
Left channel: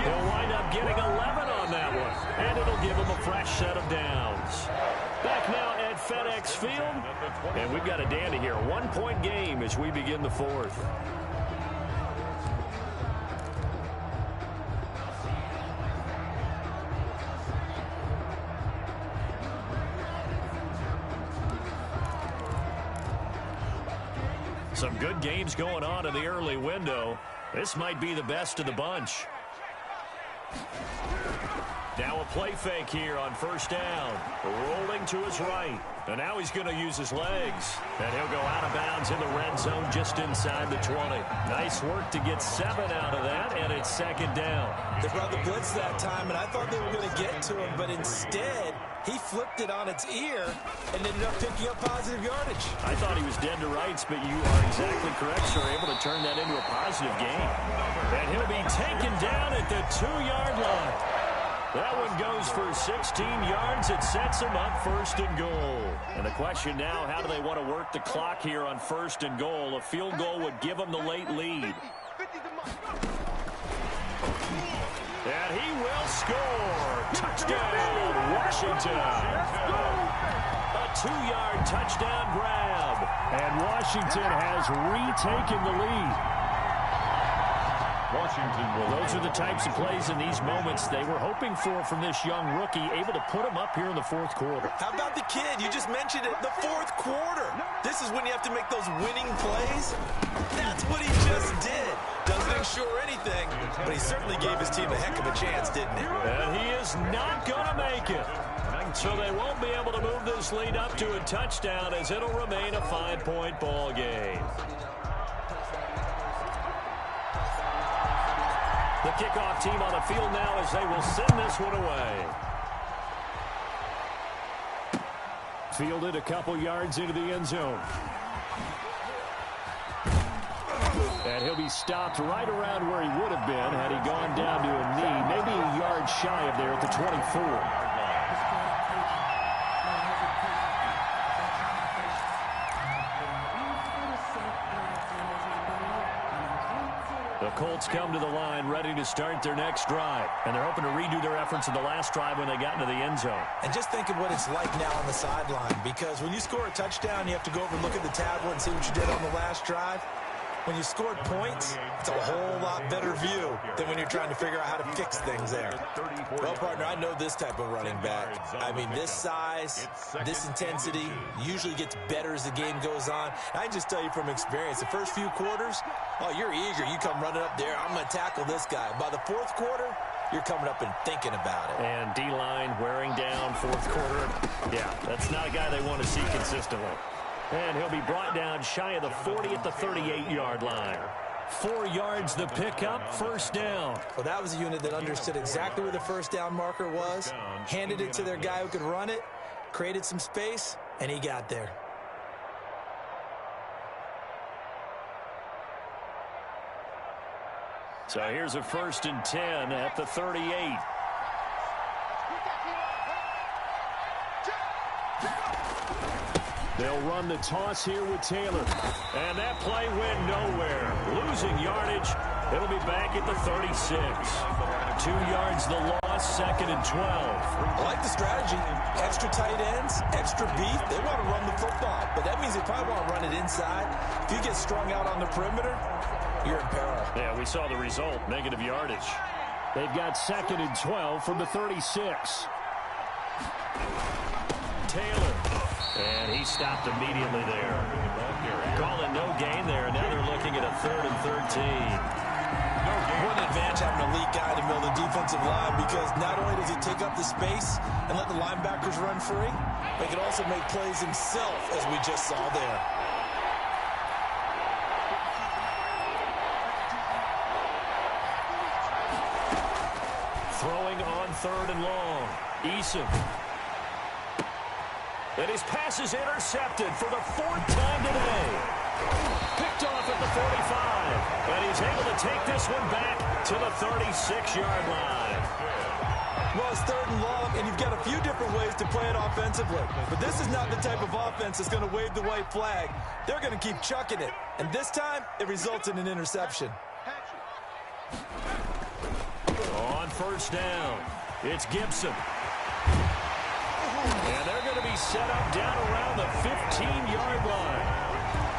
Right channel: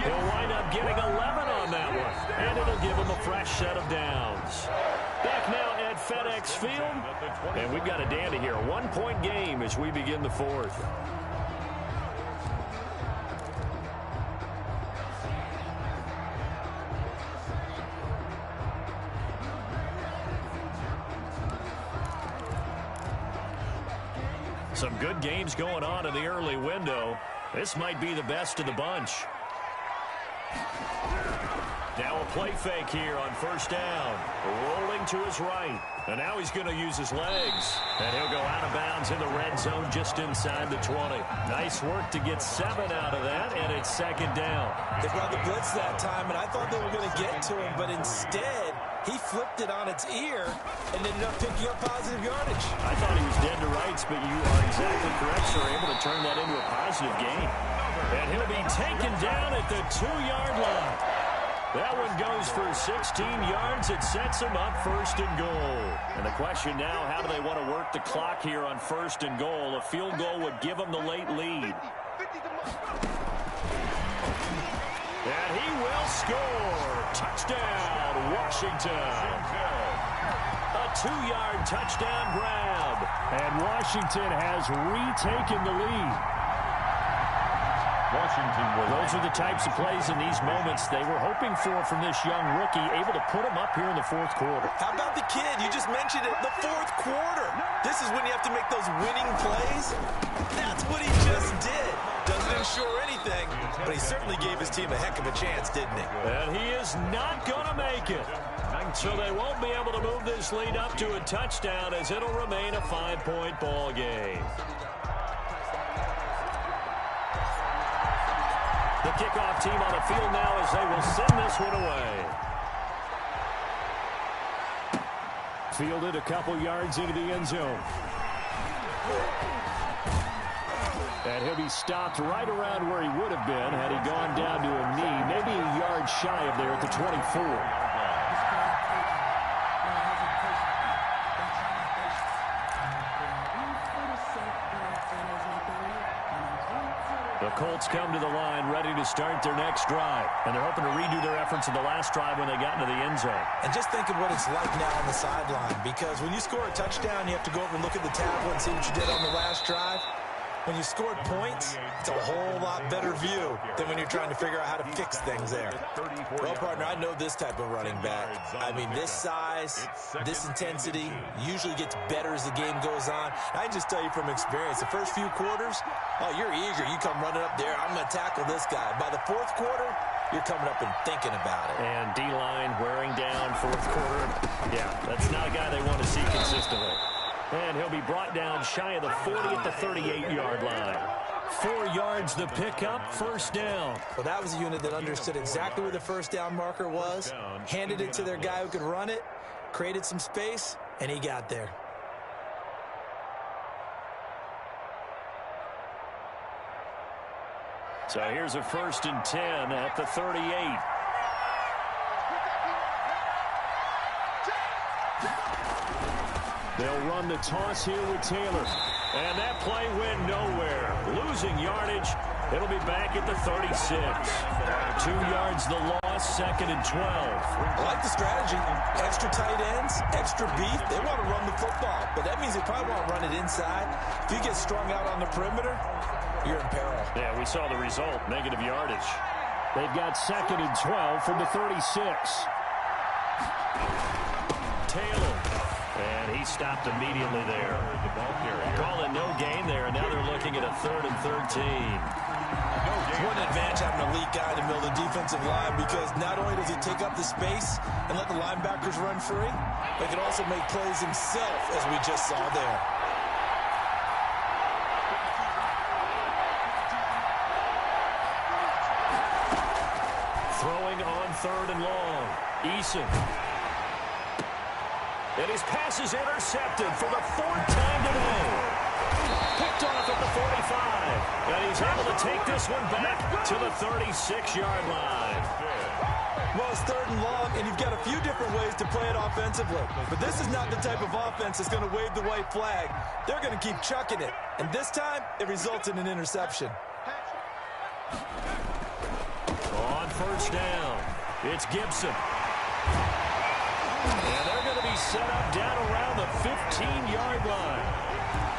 He'll wind up getting 11 on that one. And it'll give him a fresh set of downs. Back now at FedEx Field. And we've got a dandy here. 1-point game as we begin the 4th. Some good games going on in the early window. This might be the best of the bunch. Now a play fake here on first down. Rolling to his right. And now he's going to use his legs. And he'll go out of bounds in the red zone just inside the 20. Nice work to get 7 out of that, and it's second down. They brought the blitz that time, and I thought they were going to get to him, but instead he flipped it on its ear and ended up picking up positive yardage. I thought he was dead to rights, but you are exactly correct, sir. Able to turn that into a positive gain. And he'll be taken down at the 2-yard line. That one goes for 16 yards. It sets him up first and goal. And the question now, how do they want to work the clock here on first and goal? A field goal would give them the late lead. And he will score. Touchdown, Washington. A 2-yard touchdown grab. And Washington has retaken the lead. Washington will. Those are the types of plays in these moments they were hoping for from this young rookie, able to put him up here in the fourth quarter. How about the kid? You just mentioned it, the fourth quarter. This is when you have to make those winning plays. That's what he just did. Doesn't ensure anything, but he certainly gave his team a heck of a chance, didn't he? And he is not going to make it. So they won't be able to move this lead up to a touchdown, as it'll remain a 5-point ball game. The kickoff team on the field now as they will send this one away. Fielded a couple yards into the end zone. And he'll be stopped right around where he would have been had he gone down to a knee, maybe a yard shy of there at the 24. The Colts come to the line ready to start their next drive. And they're hoping to redo their efforts in the last drive when they got into the end zone. And just think of what it's like now on the sideline, because when you score a touchdown, you have to go over and look at the tablet and see what you did on the last drive. When you scored points, it's a whole lot better view than when you're trying to figure out how to fix things there. Well, partner, I know this type of running back. I mean, this size, this intensity usually gets better as the game goes on. I can just tell you from experience, the first few quarters, oh, you're eager. You come running up there, I'm going to tackle this guy. By the fourth quarter, you're coming up and thinking about it. And D-line wearing down fourth quarter. Yeah, that's not a guy they want to see consistently. And he'll be brought down shy of the 40 at the 38-yard line. 4 yards the pickup, first down. Well, that was a unit that understood exactly where the first down marker was, handed it to their guy who could run it, created some space, and he got there. So here's a 1st and 10 at the 38. They'll run the toss here with Taylor. And that play went nowhere. Losing yardage. It'll be back at the 36. 2 yards the loss, 2nd and 12. I like the strategy. Extra tight ends, extra beef. They want to run the football, but that means they probably want to run it inside. If you get strung out on the perimeter, you're in peril. Yeah, we saw the result, negative yardage. They've got 2nd and 12 from the 36. Taylor. And he stopped immediately there. Calling no gain there, and now they're looking at a 3rd and 13. What an advantage having an elite guy in the middle of the defensive line, because not only does he take up the space and let the linebackers run free, but he can also make plays himself, as we just saw there. Throwing on 3rd and long. Eason. And his pass is intercepted for the 4th time today. Picked off at the 45. And he's able to take this one back to the 36-yard line. Well, it's 3rd and long, and you've got a few different ways to play it offensively. But this is not the type of offense that's going to wave the white flag. They're going to keep chucking it. And this time, it results in an interception. On 1st down, it's Gibson. And they're going to be set up down around the 15-yard line.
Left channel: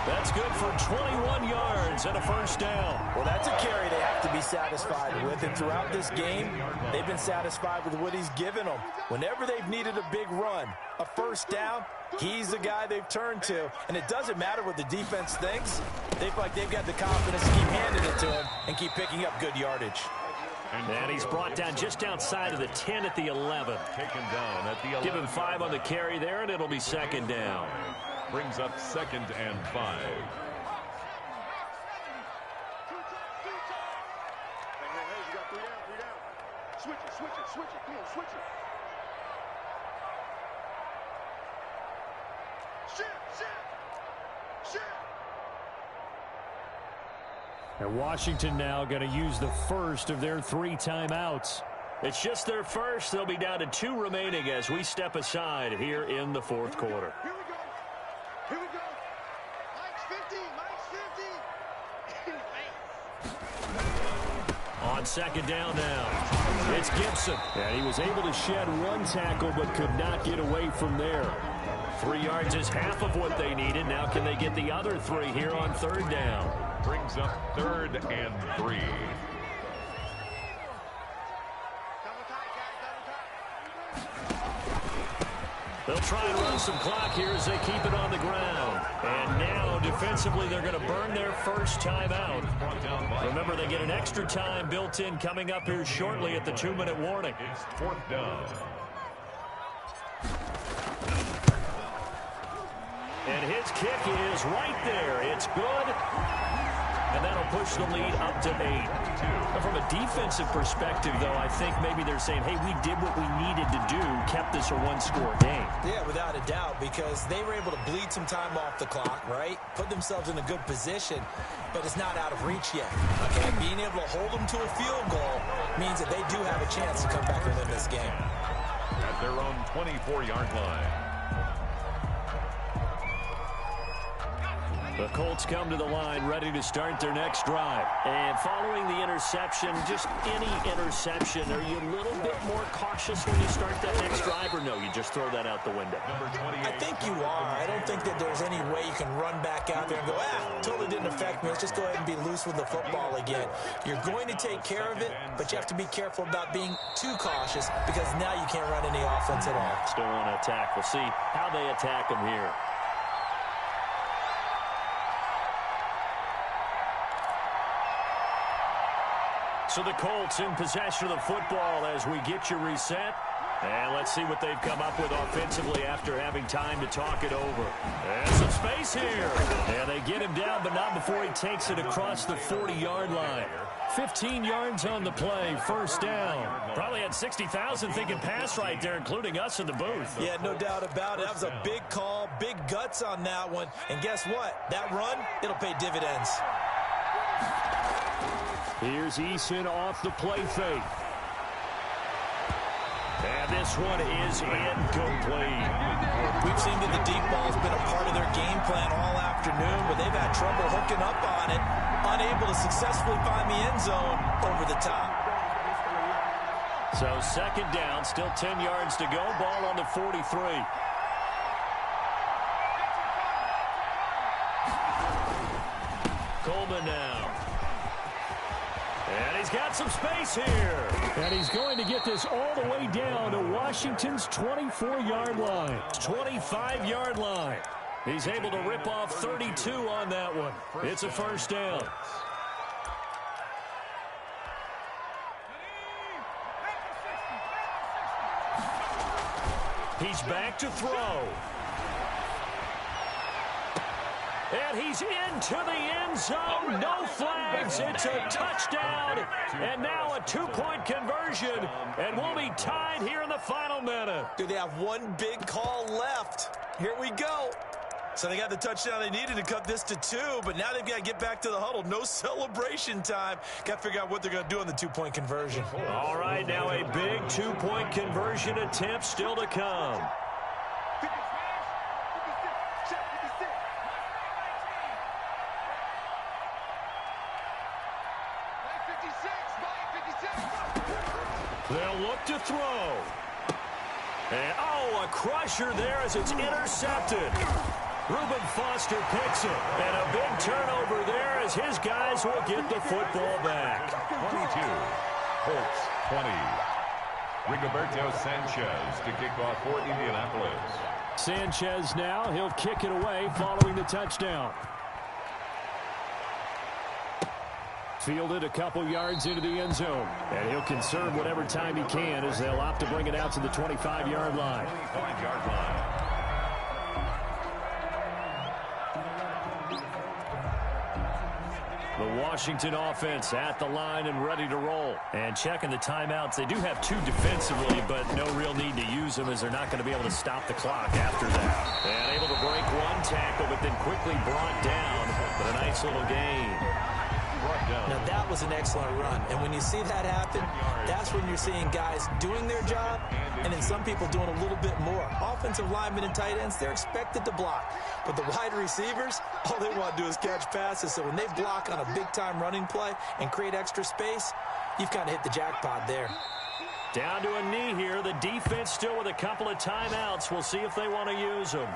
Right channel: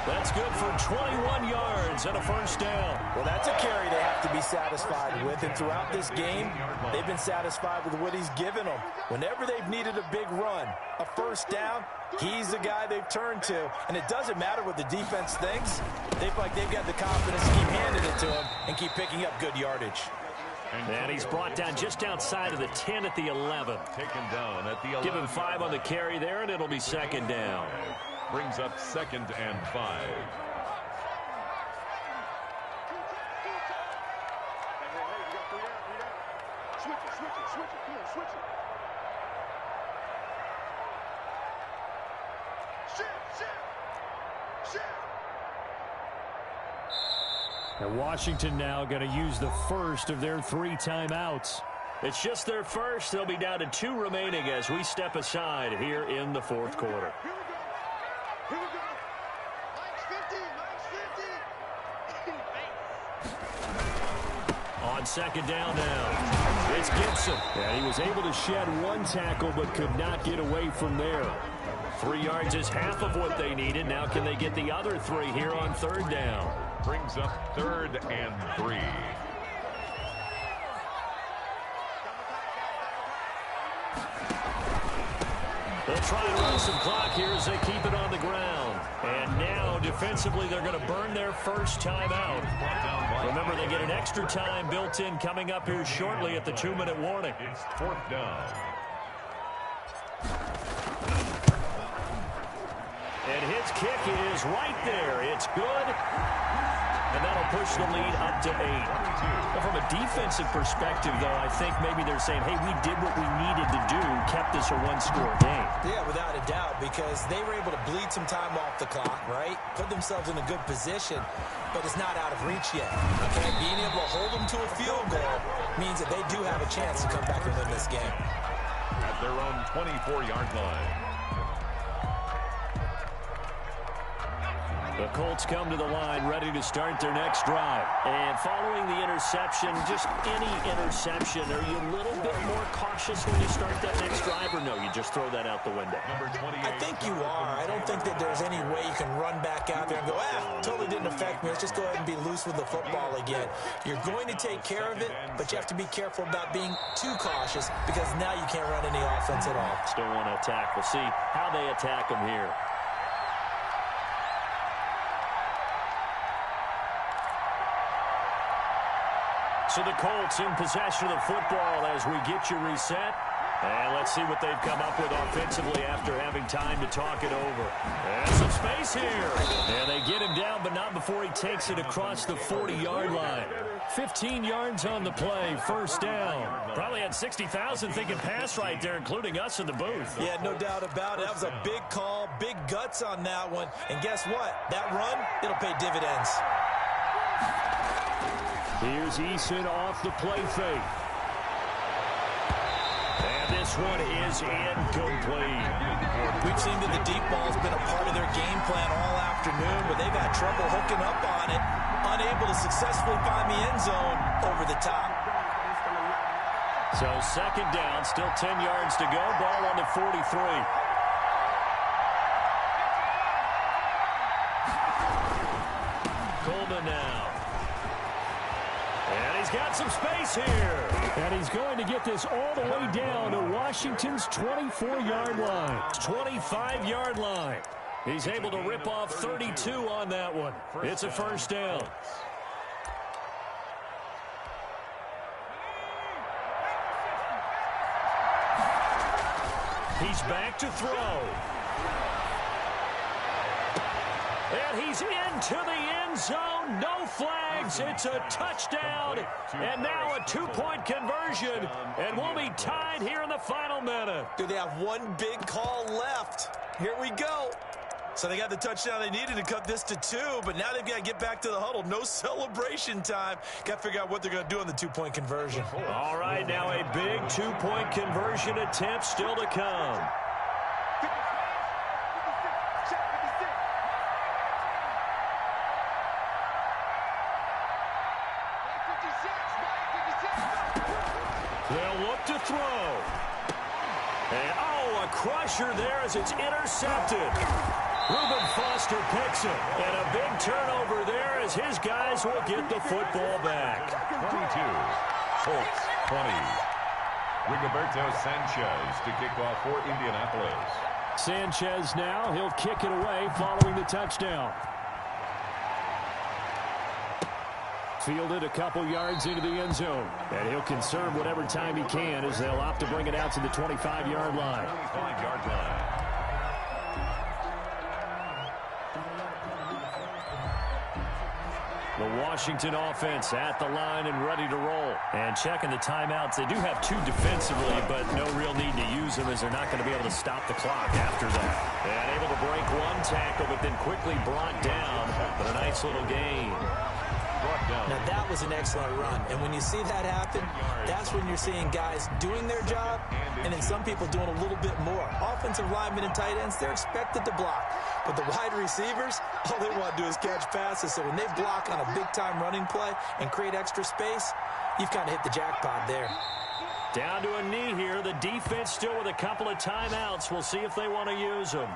That's good for 21 yards and a first down. Well, that's a carry they have to be satisfied with, and throughout this game, they've been satisfied with what he's given them. Whenever they've needed a big run, a first down, he's the guy they've turned to, and it doesn't matter what the defense thinks. They feel like they've got the confidence to keep handing it to him and keep picking up good yardage. And he's brought down just outside of the 10 at the 11. Taken down at the 11. Give him 5 on the carry there, and it'll be second down. Brings up 2nd and 5. Hey, you got 3 down. Switch it. Come on, switch it. Shift. And Washington now going to use the first of their 3 timeouts. It's just their first. They'll be down to 2 remaining as we step aside here in the fourth quarter. Here we go. Mike's 50. On second down now, it's Gibson. And he was able to shed 1 tackle but could not get away from there. 3 yards is half of what they needed. Now can they get the other 3 here on third down? Brings up 3rd and 3. They'll try and run some clock here as they keep it on the ground. And now, defensively, they're going to burn their first timeout. Remember, they get an extra time built in coming up here shortly at the 2-minute warning. It's 4th down. And his kick is right there. It's good. And that'll push the lead up to 8. Now, from a defensive perspective, though, I think maybe they're saying, hey, we did what we needed to do, kept this a 1-score game. Yeah, without a doubt, because they were able to bleed some time off the clock, right? Put themselves in a good position, but it's not out of reach yet. Okay, being able to hold them to a field goal means that they do have a chance to come back and win this game. At their own 24-yard line. The Colts come to the line ready to start their next drive. And following the interception, just any interception, are you a little bit more cautious when you start that next drive, or no, you just throw that out the window? I think you are. I don't think that there's any way you can run back out there and go, totally didn't affect me. Let's just go ahead and be loose with the football again. You're going to take care of it, but you have to be careful about being too cautious because now you can't run any offense at all. Still want to attack. We'll see how they attack them here. So the Colts in possession of the football as we get you reset. And let's see what they've come up with offensively after having time to talk it over. And some space here. And they get him down, but not before he takes it across the 40-yard line. 15 yards on the play, first down. Probably had 60,000 thinking pass right there, including us in the booth. Yeah, no doubt about it. That was a big call, big guts on that one. And guess what? That run, it'll pay dividends. Here's Eason off the play fake. And this one is incomplete. We've seen that the deep ball's been a part of their game plan all afternoon, but they've had trouble hooking up on it, unable to successfully find the end zone over the top. So second down, still 10 yards to go, ball on the 43. Coleman now. And he's got some space here. And he's going to get this all the way down to Washington's 24-yard line. 25-yard line. He's able to rip off 32 on that one. It's a first down. He's back to throw. And he's into the end zone. No flags. It's a touchdown. And now a two-point conversion. And we'll be tied here in the final minute. Do they have one big call left? Here we go. So they got the touchdown they needed to cut this to 2, but now they've got to get back to the huddle. No celebration time. Got to figure out what they're going to do on the two-point conversion. All right, now a big two-point conversion attempt still to come. They'll look to throw. And, a crusher there as it's intercepted. Reuben Foster picks it. And a big turnover there as his guys will get the football back. 22. Colts 20. Rigoberto Sanchez to kick off for Indianapolis. Sanchez now, he'll kick it away following the touchdown. Fielded a couple yards into the end zone. And he'll conserve whatever time he can as they'll opt to bring it out to the 25-yard line. 25-yard line. The Washington offense at the line and ready to roll. And checking the timeouts. They do have two defensively, but no real need to use them as they're not going to be able to stop the clock after that. And able to break one tackle, but then quickly brought down. But a nice little gain. Now, that was an excellent run. And when you see that happen, that's when you're seeing guys doing their job and then some people doing a little bit more. Offensive linemen and tight ends, they're expected to block. But the wide receivers, all they want to do is catch passes. So when they block on a big-time running play and create extra space, you've kind of hit the jackpot there. Down to a knee here. The defense still with a couple of timeouts. We'll see if they want to use them.